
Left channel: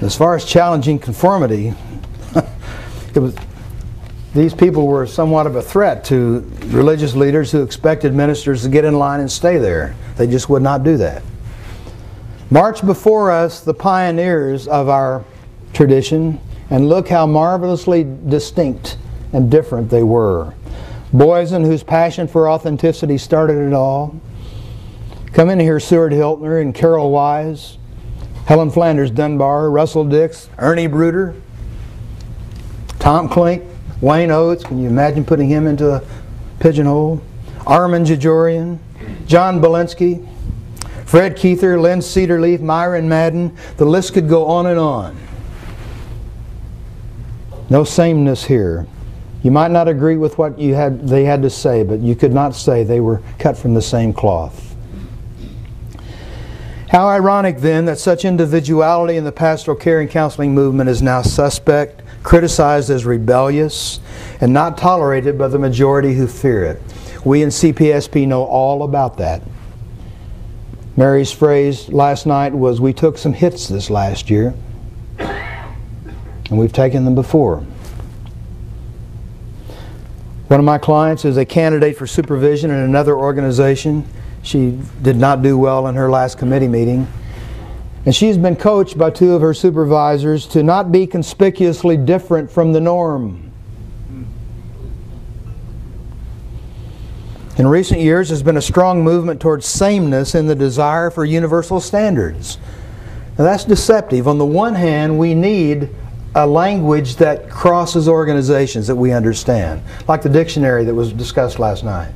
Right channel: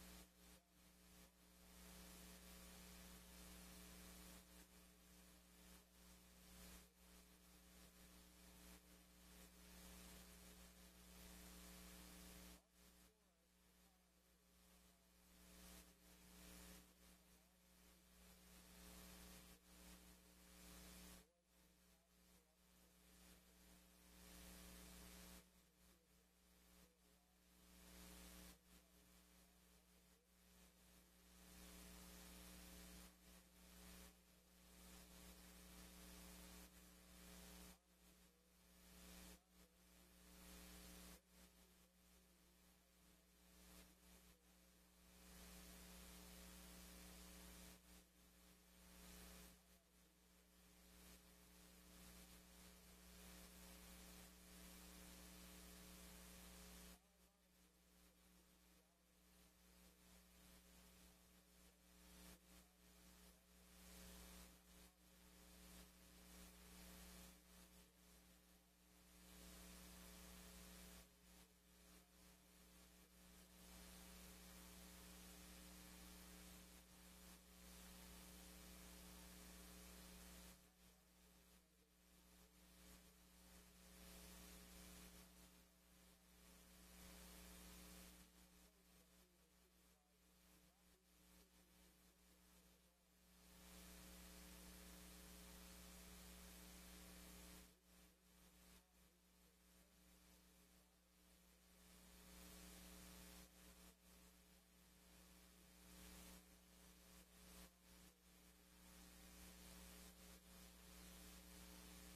As far as challenging conformity, these people were somewhat of a threat to religious leaders who expected ministers to get in line and stay there. They just would not do that. March before us the pioneers of our tradition, and look how marvelously distinct and different they were. Boysen, whose passion for authenticity started it all. Come in here, Seward Hiltner and Carol Wise, Helen Flanders Dunbar, Russell Dix, Ernie Bruder, Tom Klink, Wayne Oates, can you imagine putting him into a pigeonhole? Armin Jajorian, John Belinsky, Fred Keither, Lynn Cedarleaf, Myron Madden. The list could go on and on. No sameness here. You might not agree with what they had to say, but you could not say they were cut from the same cloth. How ironic then that such individuality in the pastoral care and counseling movement is now suspect, criticized as rebellious, and not tolerated by the majority who fear it. We in CPSP know all about that. Mary's phrase last night was, we took some hits this last year, and we've taken them before. One of my clients is a candidate for supervision in another organization. She did not do well in her last committee meeting. And she's been coached by two of her supervisors to not be conspicuously different from the norm. In recent years, there's been a strong movement towards sameness in the desire for universal standards. Now that's deceptive. On the one hand, we need a language that crosses organizations that we understand, like the dictionary that was discussed last night.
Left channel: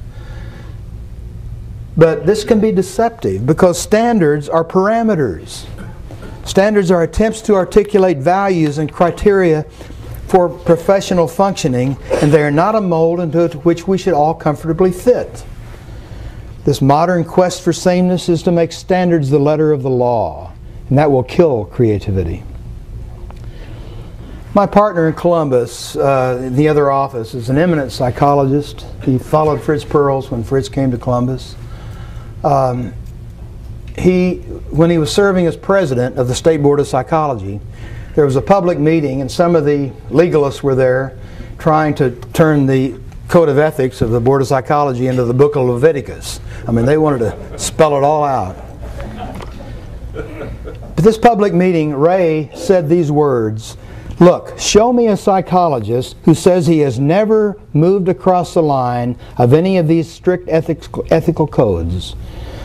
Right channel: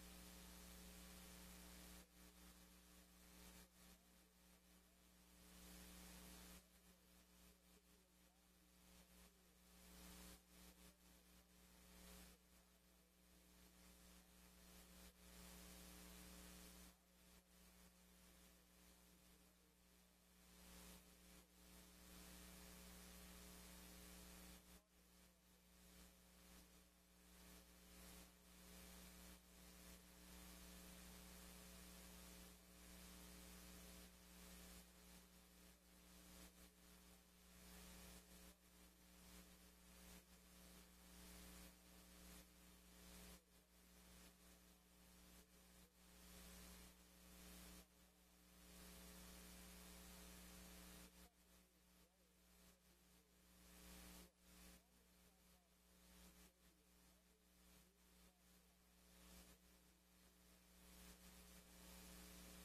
But this can be deceptive because standards are parameters. Standards are attempts to articulate values and criteria for professional functioning, and they are not a mold into which we should all comfortably fit. This modern quest for sameness is to make standards the letter of the law, and that will kill creativity. My partner in Columbus, in the other office, is an eminent psychologist. He followed Fritz Perls when Fritz came to Columbus. When he was serving as president of the State Board of Psychology, there was a public meeting and some of the legalists were there trying to turn the Code of Ethics of the Board of Psychology into the Book of Leviticus. I mean, they wanted to spell it all out. At this public meeting, Ray said these words, "Look, show me a psychologist who says he has never moved across the line of any of these strict ethical codes.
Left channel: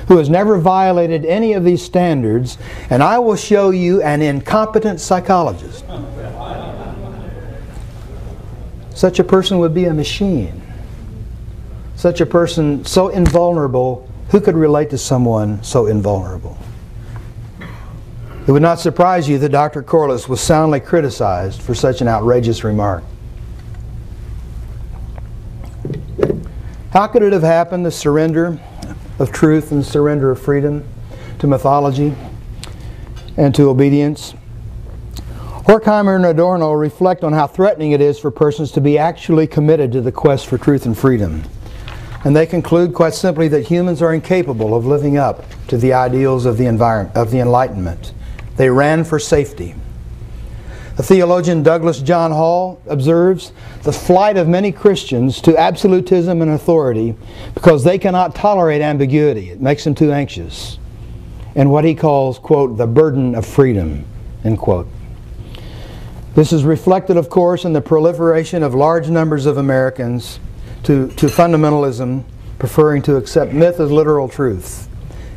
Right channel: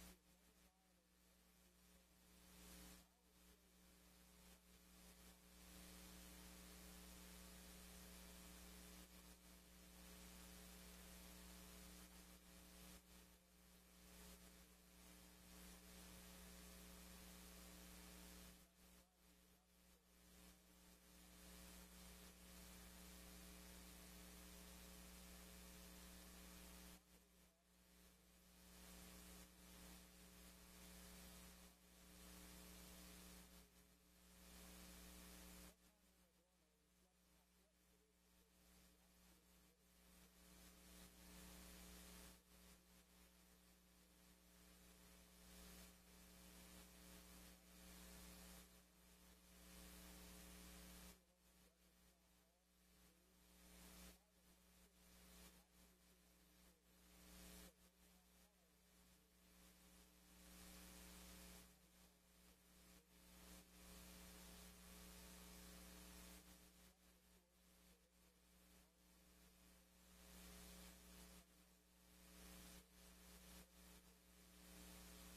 who has never violated any of these standards, and I will show you an incompetent psychologist. Such a person would be a machine. Such a person so invulnerable, who could relate to someone so invulnerable? It would not surprise you that Dr. Corliss was soundly criticized for such an outrageous remark. How could it have happened, the surrender of truth and the surrender of freedom to mythology and to obedience? Horkheimer and Adorno reflect on how threatening it is for persons to be actually committed to the quest for truth and freedom. And they conclude quite simply that humans are incapable of living up to the ideals of the Enlightenment. They ran for safety. The theologian Douglas John Hall observes the flight of many Christians to absolutism and authority because they cannot tolerate ambiguity. It makes them too anxious. And what he calls, quote, the burden of freedom, end quote. This is reflected, of course, in the proliferation of large numbers of Americans to fundamentalism, preferring to accept myth as literal truth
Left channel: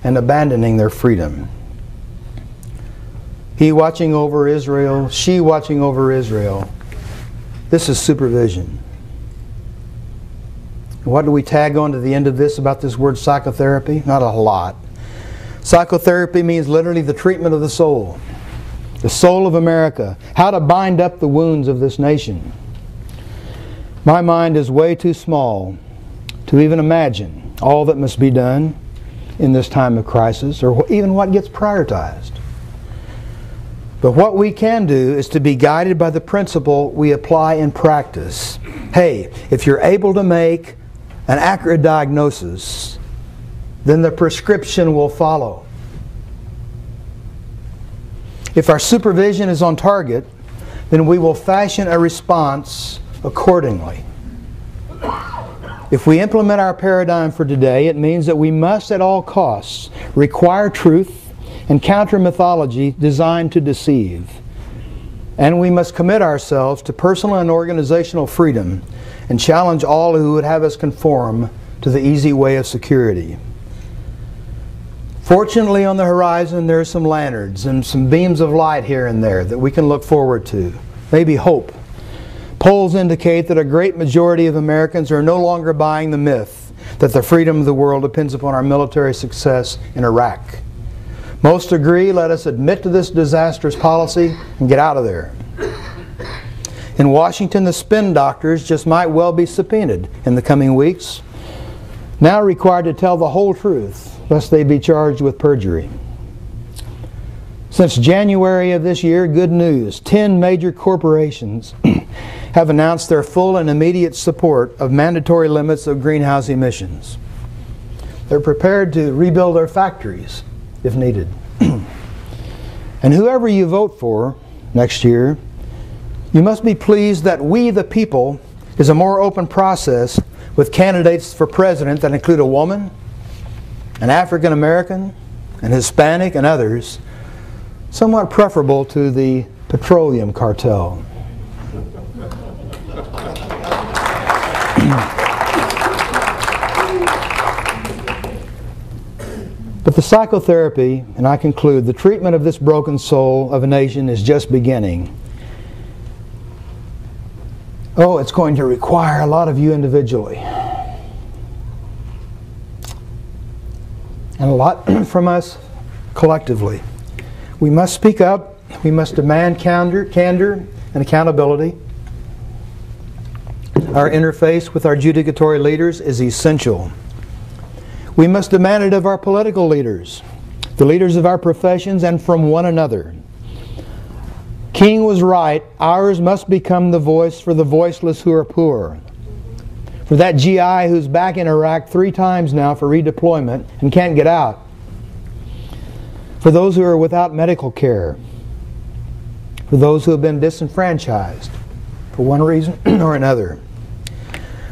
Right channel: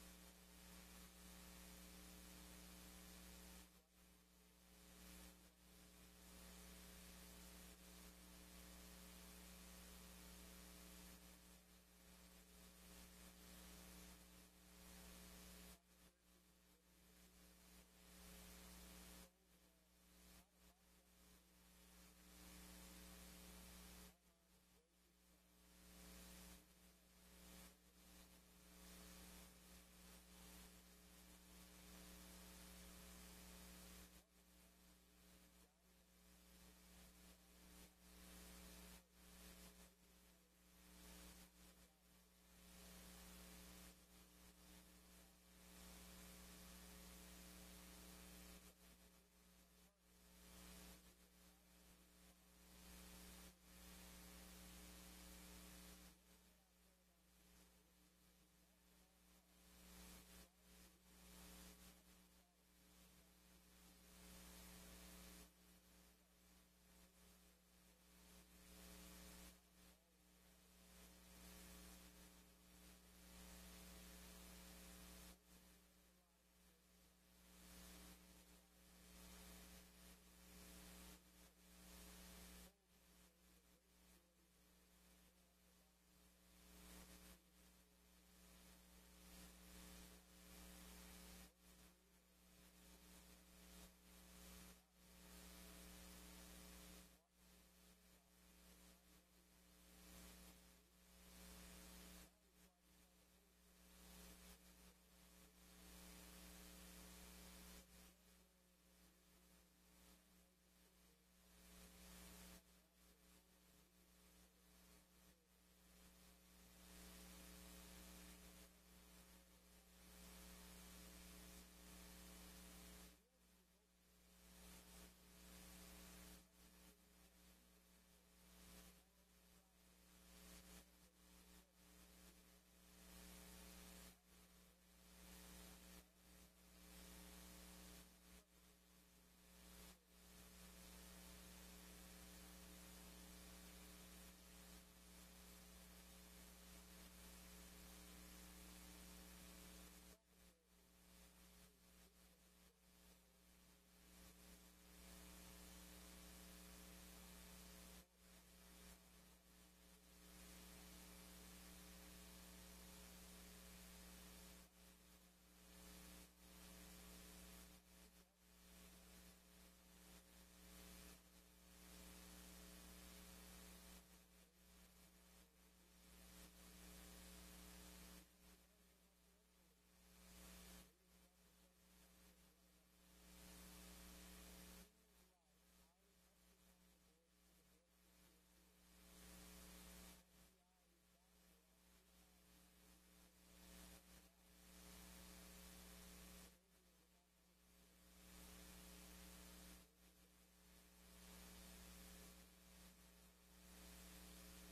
and abandoning their freedom. He watching over Israel, she watching over Israel. This is supervision. What do we tag on to the end of this about this word psychotherapy? Not a lot. Psychotherapy means literally the treatment of the soul of America, how to bind up the wounds of this nation. My mind is way too small to even imagine all that must be done in this time of crisis, or even what gets prioritized. But what we can do is to be guided by the principle we apply in practice. Hey, if you're able to make an accurate diagnosis, then the prescription will follow. If our supervision is on target, then we will fashion a response accordingly. If we implement our paradigm for today, it means that we must at all costs require truth and counter mythology designed to deceive. And we must commit ourselves to personal and organizational freedom and challenge all who would have us conform to the easy way of security. Fortunately, on the horizon there are some lanterns and some beams of light here and there that we can look forward to. Maybe hope. Polls indicate that a great majority of Americans are no longer buying the myth that the freedom of the world depends upon our military success in Iraq. Most agree, let us admit to this disastrous policy and get out of there. In Washington, the spin doctors just might well be subpoenaed in the coming weeks, now required to tell the whole truth, lest they be charged with perjury. Since January of this year, good news, 10 major corporations have announced their full and immediate support of mandatory limits of greenhouse emissions. They're prepared to rebuild their factories if needed. And whoever you vote for next year, you must be pleased that we the people is a more open process with candidates for president that include a woman, an African American, an Hispanic, and others, somewhat preferable to the petroleum cartel. But the psychotherapy, and I conclude, the treatment of this broken soul of a nation is just beginning. Oh, it's going to require a lot of you individually. And a lot from us collectively. We must speak up. We must demand candor and accountability. Our interface with our judicatory leaders is essential. We must demand it of our political leaders, the leaders of our professions, and from one another. King was right. Ours must become the voice for the voiceless who are poor. For that GI who's back in Iraq 3 times now for redeployment and can't get out. For those who are without medical care. For those who have been disenfranchised for one reason or another.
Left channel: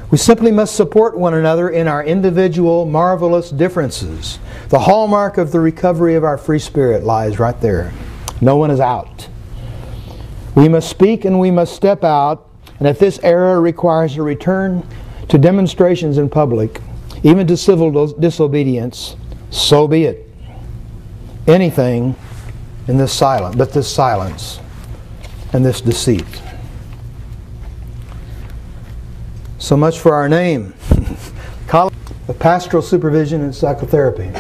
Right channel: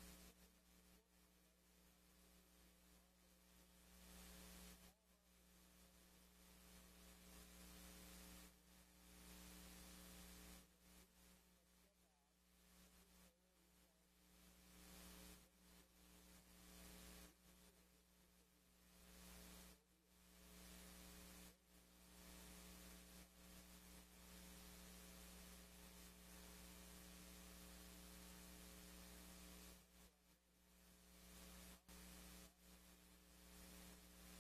We simply must support one another in our individual, marvelous differences. The hallmark of the recovery of our free spirit lies right there. No one is out. We must speak and we must step out, and if this era requires a return to demonstrations in public, even to civil disobedience, so be it. Anything in this silence, but this silence and this deceit. So much for our name. College of Pastoral Supervision and Psychotherapy.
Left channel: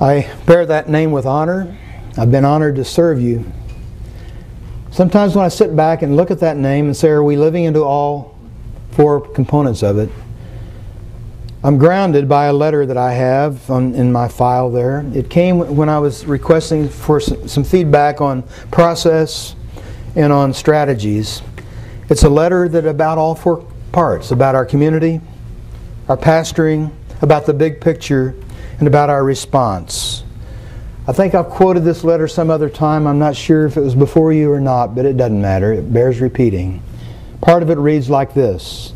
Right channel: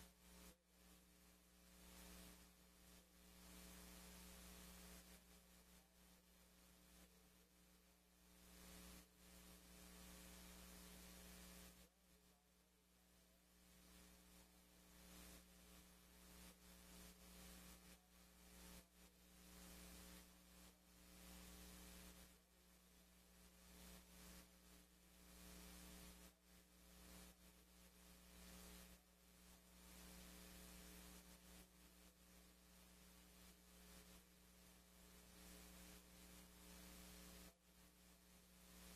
I bear that name with honor. I've been honored to serve you. Sometimes when I sit back and look at that name and say, are we living into all four components of it? I'm grounded by a letter that I have in my file there. It came when I was requesting for some feedback on process and on strategies. It's a letter that about all four parts, about our community, our pastoring, about the big picture, and about our response. I think I've quoted this letter some other time. I'm not sure if it was before you or not, but it doesn't matter. It bears repeating. Part of it reads like this.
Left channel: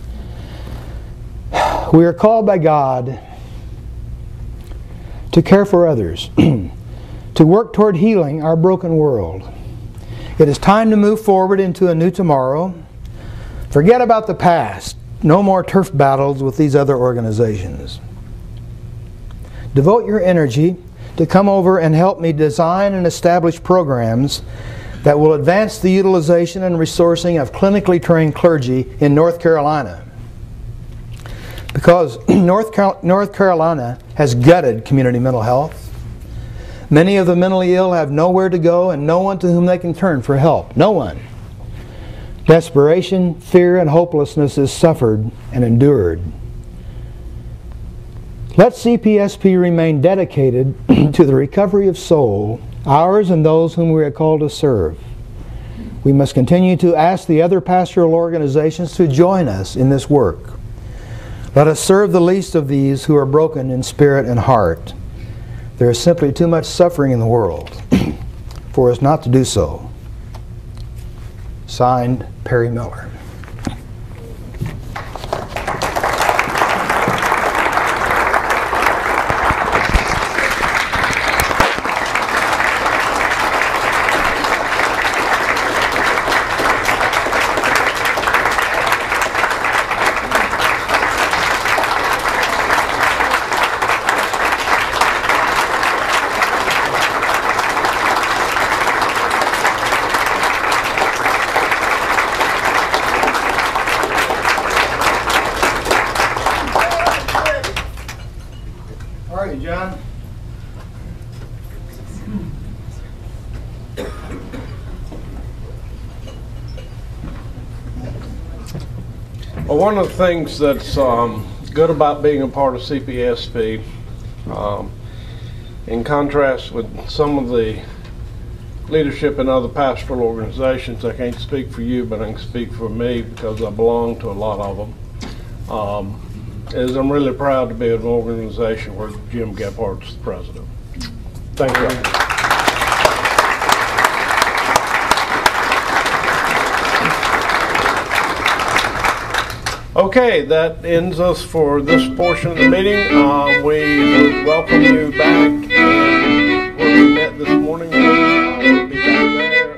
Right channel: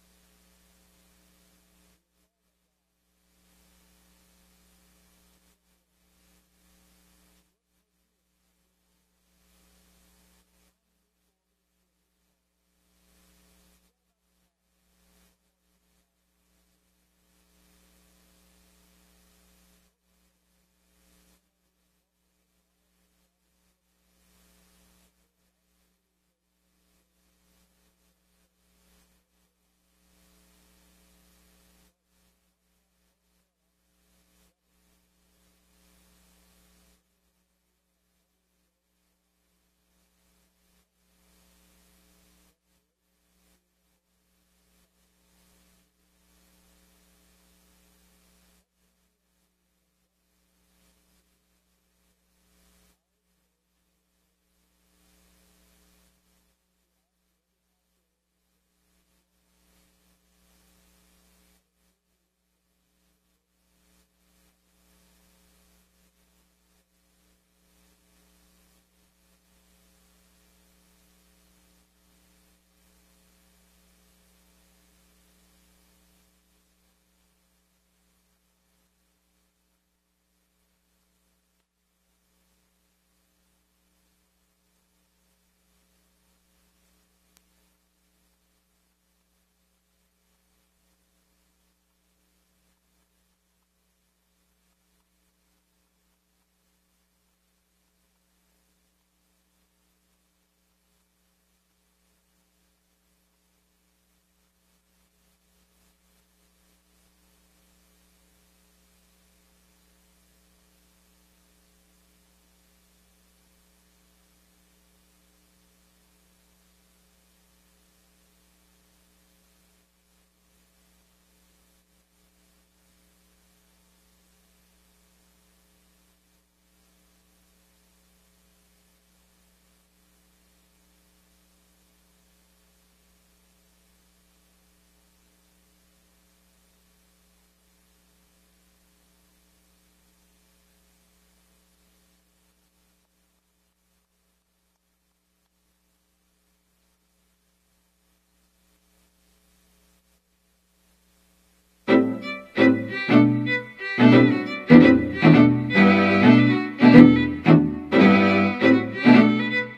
We are called by God to care for others, to work toward healing our broken world. It is time to move forward into a new tomorrow. Forget about the past. No more turf battles with these other organizations. Devote your energy to come over and help me design and establish programs that will advance the utilization and resourcing of clinically trained clergy in North Carolina. Because North Carolina has gutted community mental health. Many of the mentally ill have nowhere to go and no one to whom they can turn for help. No one. Desperation, fear, and hopelessness is suffered and endured. Let CPSP remain dedicated to the recovery of soul, ours and those whom we are called to serve. We must continue to ask the other pastoral organizations to join us in this work. Let us serve the least of these who are broken in spirit and heart. There is simply too much suffering in the world for us not to do so. Signed, Perry Miller. Well, one of the things that's good about being a part of CPSP, in contrast with some of the leadership in other pastoral organizations, I can't speak for you, but I can speak for me because I belong to a lot of them, is I'm really proud to be in an organization where Jim Gebhart's the president. Thank you. Okay, that ends us for this portion of the meeting. We welcome you back. Where we met this morning. We'll be there.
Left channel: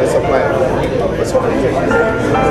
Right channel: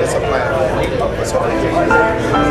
It's a plan. That's what